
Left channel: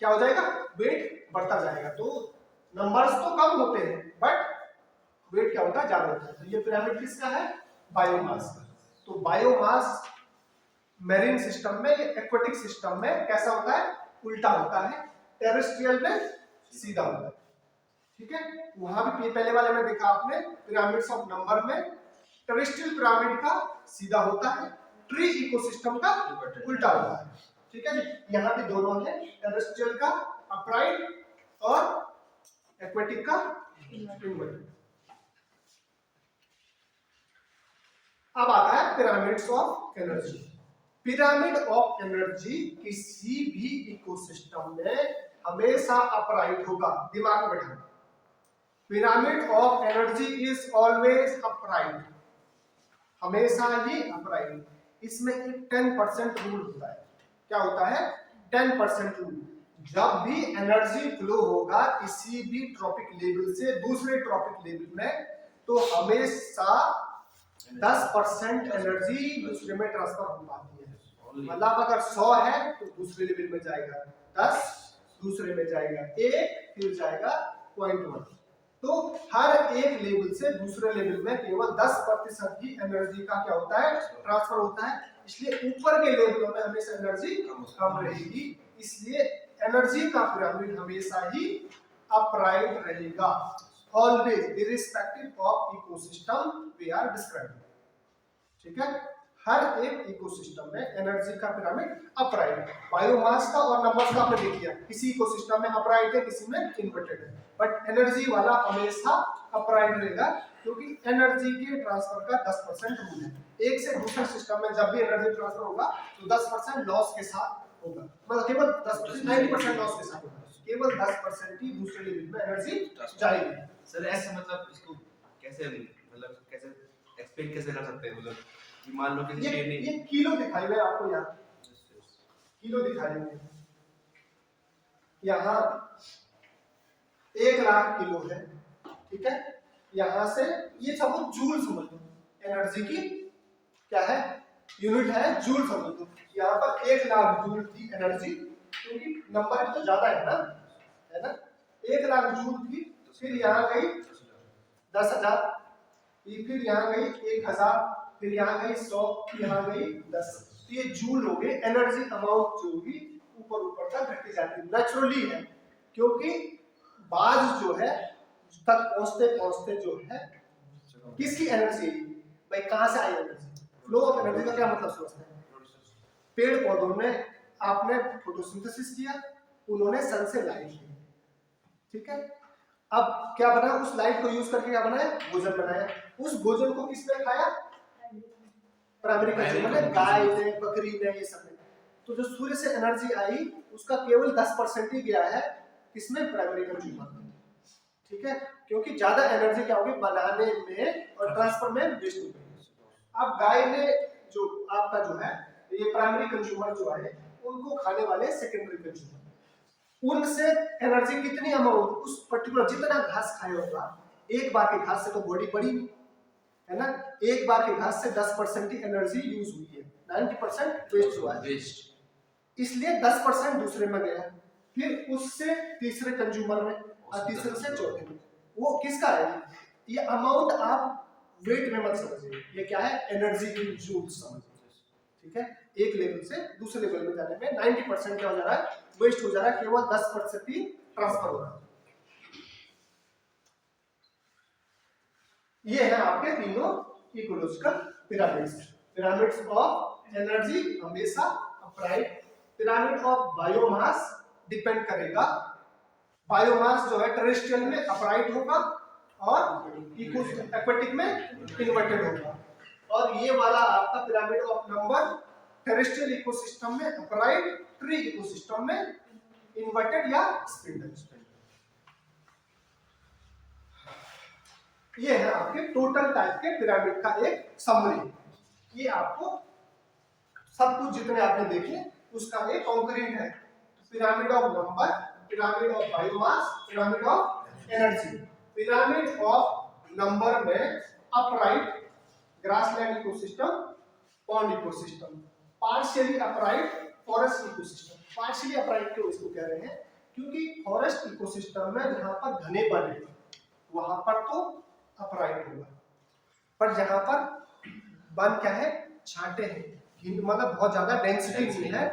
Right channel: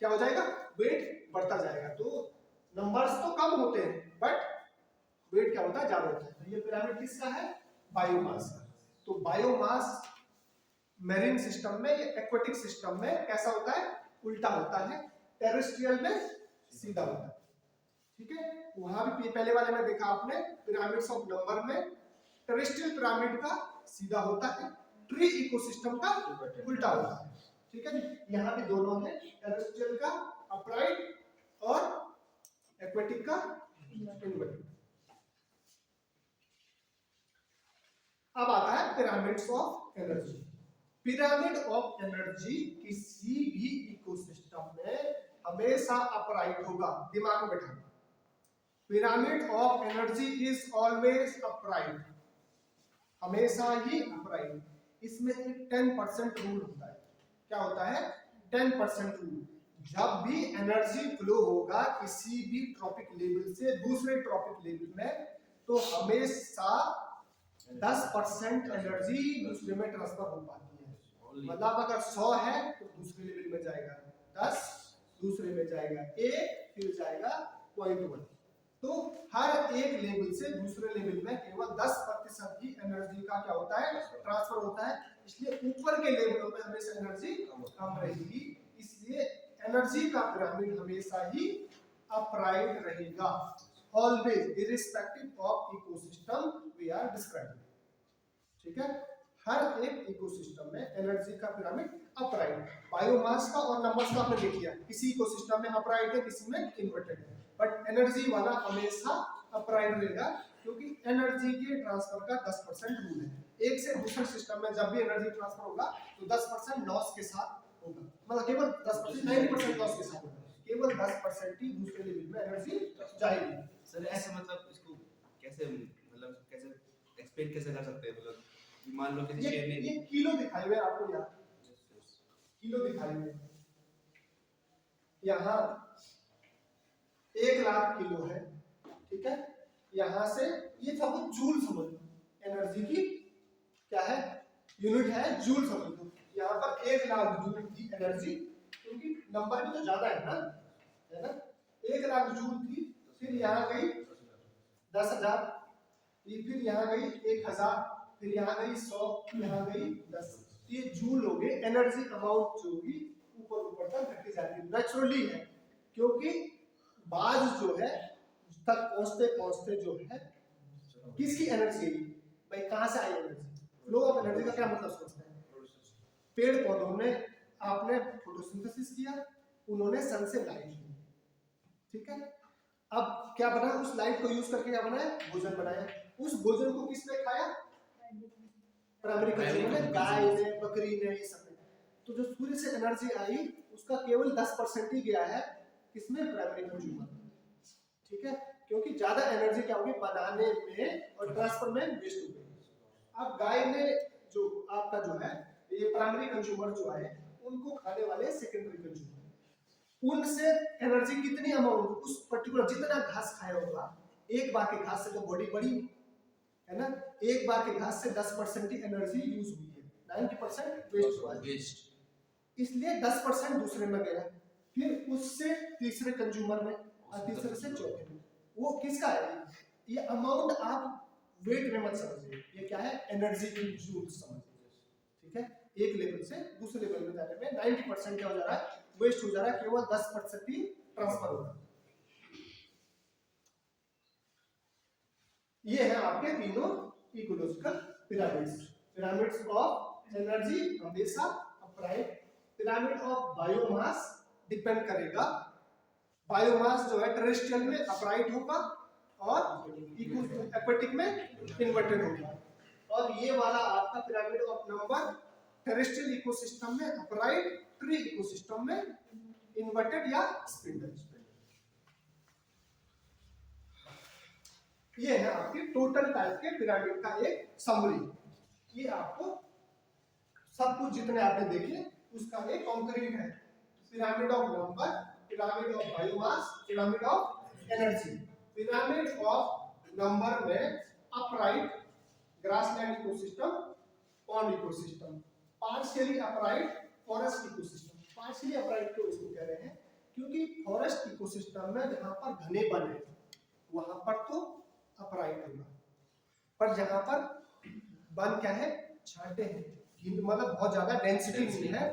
क्या हो जाएगा, वेट बढ़ता जाएगा। तो नंबर्स तो कम होते हैं बट वेट क्या होता है, ज्यादा होता है। तो ये पिरामिड किसका है, बायोमास। तो बायोमास मेरीन सिस्टम में, एक्वेटिक सिस्टम में कैसा होता है, उल्टा होता है, टेरेस्ट्रियल में सीधा होता है, ठीक है। वहां भी पहले वाले में देखा आपने पिरामिड्स ऑफ नंबर में टेरेस्ट्रियल पिरामिड का सीधा होता है, ट्री इकोसिस्टम का उल्टा होता है, ठीक है जी। यहाँ भी दोनों है, टेरेस्ट्रियल का अपराइट और एक्वेटिक का इनवर्टेड। अब आता है pyramids of energy. Pyramid of energy किसी भी इकोसिस्टम में हमेशा अपराइट होगा, दिमाग में बैठा। Pyramid of energy is always upright, हमेशा ही अपराइट। इसमें एक 10% रूल होता है, क्या होता है, 10% रूल। जब भी एनर्जी फ्लो होगा किसी भी ट्रॉपिक लेवल से दूसरे ट्रॉपिक लेवल में, तो हमेशा 10% एनर्जी दूसरे में ट्रांसफर हो पाती है। मतलब अगर 100 है तो दूसरे लेवल में जाएगा 10, दूसरे में जाएगा 1, फिर जाएगा 0.1। तो हर एक लेवल से दूसरे लेवल में केवल 10% ही एनर्जी का क्या होता है, ट्रांसफर होता है। इसलिए ऊपर के लेवलों में हमेशा एनर्जी कम रहेगी, इसलिए एनर्जी का पिरामिड हमेशा ही अपराइट रहेगा, always irrespective of ecosystem we are describing, ठीक है। हर एक इकोसिस्टम में एनर्जी का पिरामिड अपराइट। बायोमास का और नंबर्स का आपने देख लिया, किसी इकोसिस्टम में अपराइट है, किसी में इन्वर्टेड है, बट एनर्जी वाला हमेशा अपराइट रहेगा, क्योंकि एनर्जी के ट्रांसफर का 10% रूल है। एक से दूसरे सिस्टम में जब भी एनर्जी ट्रांसफर होगा तो 10% लॉस के साथ होगा, मतलब केवल 10%, 90% लॉस के साथ होगा, केवल 10% ही दूसरे लेवल में एनर्जी जाएगी। सर ऐसे मतलब इसको कैसे, मतलब कैसे एक्सप्लेन कैसे कर सकते हैं, मतलब मान लो कि ये किलो दिखाई मैं आपको, यहाँ किलो दिखाएंगे, यहाँ 1 लाख किलो है, ठीक है। यहाँ से ये सब जूल समझ लो, एनर्जी की क्या है, यूनिट है, जूल समझ लो। यहाँ पर 1 लाख जूल थी एनर्जी, क्योंकि नंबर भी तो ज्यादा है ना, 1 लाख जूल थी, फिर यहाँ गई 10,000, फिर यहाँ गई 1,000, फिर यहाँ गई 100, यहाँ गई 10। तो ये जूल हो गए, एनर्जी अमाउंट जो होगी ऊपर ऊपर तक घटती जाती है, नेचुरली है, क्योंकि बाज जो है तक पहुंचते पहुंचते जो है किसकी एनर्जी, भाई कहां से आई एनर्जी, फ्लो ऑफ एनर्जी का क्या मतलब समझते हैं। पेड़ पौधों में आपने फोटोसिंथेसिस किया, उन्होंने सन से लाइट ली, ठीक है। अब क्या बना, उस लाइट को यूज करके क्या बनाया, भोजन बनाया। उस भोजन को किसने खाया, प्राइमरी कंज्यूमर ने, गाय ने, बकरी ने, ये सब ने। तो जो सूर्य से एनर्जी आई उसका केवल 10% ही गया है किसमें, प्राइमरी कंज्यूमर में, ठीक है। क्योंकि ज्यादा एनर्जी क्या होगी, बनाने में और ट्रांसफर में वेस्ट होगी। अब गाय ने जो आपका जो है ये प्राइमरी कंज्यूमर जो है, उनको खाने वाले सेकेंडरी कंज्यूमर, उनसे एनर्जी कितनी अमाउंट, उस पर्टिकुलर जितना घास खाया होगा, एक बार के घास से तो बॉडी बड़ी है ना, एक बार के घास से 10% ही एनर्जी यूज हुई है, 90% वेस्ट हुआ है, इसलिए 10% दूसरे में गया, फिर उससे तीसरे कंज्यूमर में, और तीसरे से चौथे में। वो किसका है, ये अमाउंट आप वेट में मत समझिए, ये क्या है, एनर्जी की जूल समझिए, ठीक है। एक लेवल से दूसरे लेवल में जाने में 90% क्या हो जा रहा है, वेस्ट हो जा रहा है, केवल 10% ही ट्रांसफर हो रहा है। ये है आपके तीनों ecological pyramids. Pyramids of energy हमेशा upright, pyramid of biomass depend करेगा, बायोमास जो है टेरेस्ट्रियल में अपराइट होगा और एक्वेटिक में इन्वर्टेड होगा, और ये वाला आपका pyramid of number terrestrial ecosystem में अपराइट, ट्री इकोसिस्टम में इन्वर्टेड या स्पिंडल। ये है आपके टोटल टाइप के पिरामिड का एक समरी। ये आपको सब कुछ जितने आपने देखे उसका एक कॉन्करेंट है, pyramid of number, pyramid of biomass, pyramid of energy. Pyramid of number में upright grassland ecosystem, pond ecosystem, partially upright forest ecosystem. Partially upright क्यों इसको कह रहे हैं, क्योंकि फॉरेस्ट इकोसिस्टम में जहां पर घने वन है वहां पर तो अपराइट होगा, पर जहां पर वन क्या है, छांटे हैं, मतलब बहुत ज्यादा डेंसिटी नहीं है,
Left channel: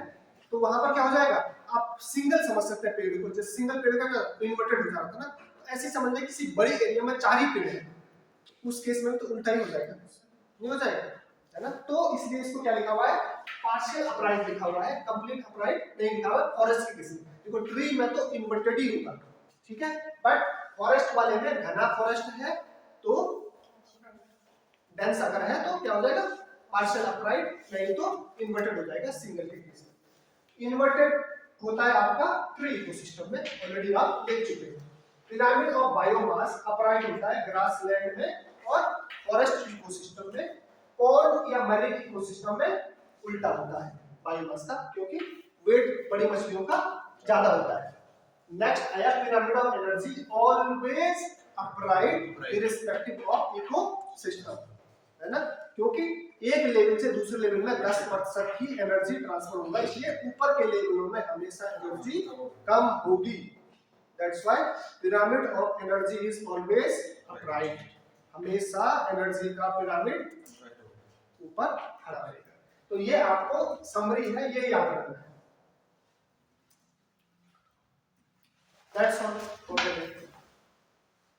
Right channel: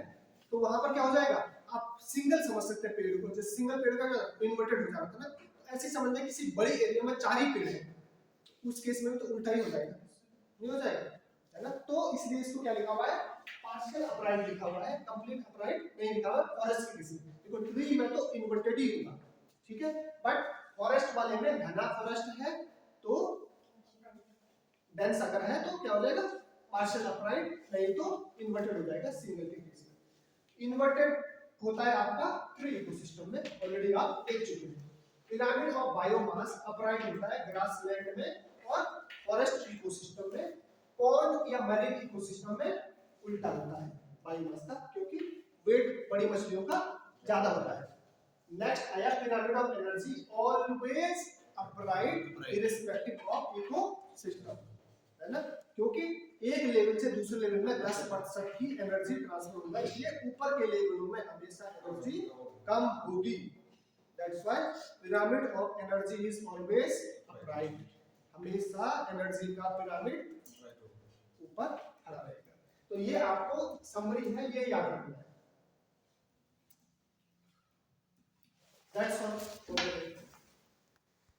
तो वहां पर क्या हो जाएगा, आप सिंगल समझ सकते हैं पेड़ को, जैसे सिंगल पेड़ का इन्वर्टेड हो जाता है ना, तो ऐसे समझना किसी बड़े एरिया में 4 ही पेड़ है, उस केस में तो उल्टा ही हो जाएगा, नहीं हो जाएगा, है ना। तो इसलिए इसको क्या लिखा हुआ है, पार्शियल अपराइट लिखा हुआ है, कंप्लीट अपराइट नहीं लिखा हुआ है फॉरेस्ट के केस में। देखो ट्री में तो इन्वर्टेड ही होगा, ठीक है, बट फॉरेस्ट वाले में घना फॉरेस्ट है तो डेंस अगर है तो क्या हो जाएगा, पार्शियल अपराइट, नहीं तो इन्वर्टेड हो जाएगा सिंगल के केस में। इन्वर्टेड होता है आपका ट्री इकोसिस्टम में, ऑलरेडी आप देख चुके हैं। पिरामिड ऑफ बायोमास अपराइट होता है ग्रासलैंड में और फॉरेस्ट इकोसिस्टम में, पॉन्ड या मैरीन इकोसिस्टम में उल्टा होता है बायोमास का, क्योंकि वेट बड़ी मछलियों का ज्यादा होता है। नेक्स्ट आया pyramid of energy, always upright irrespective of ecosystem, है ना, क्योंकि एक लेवल से दूसरे लेवल में 10% ही एनर्जी ट्रांसफर होगा, इसलिए ऊपर के लेवलों में हमेशा एनर्जी कम होगी। That's why pyramid of energy is always upright, हमेशा एनर्जी का पिरामिड ऊपर खड़ा रहेगा। तो ये आपको समरी है, ये याद रखना है। That's all.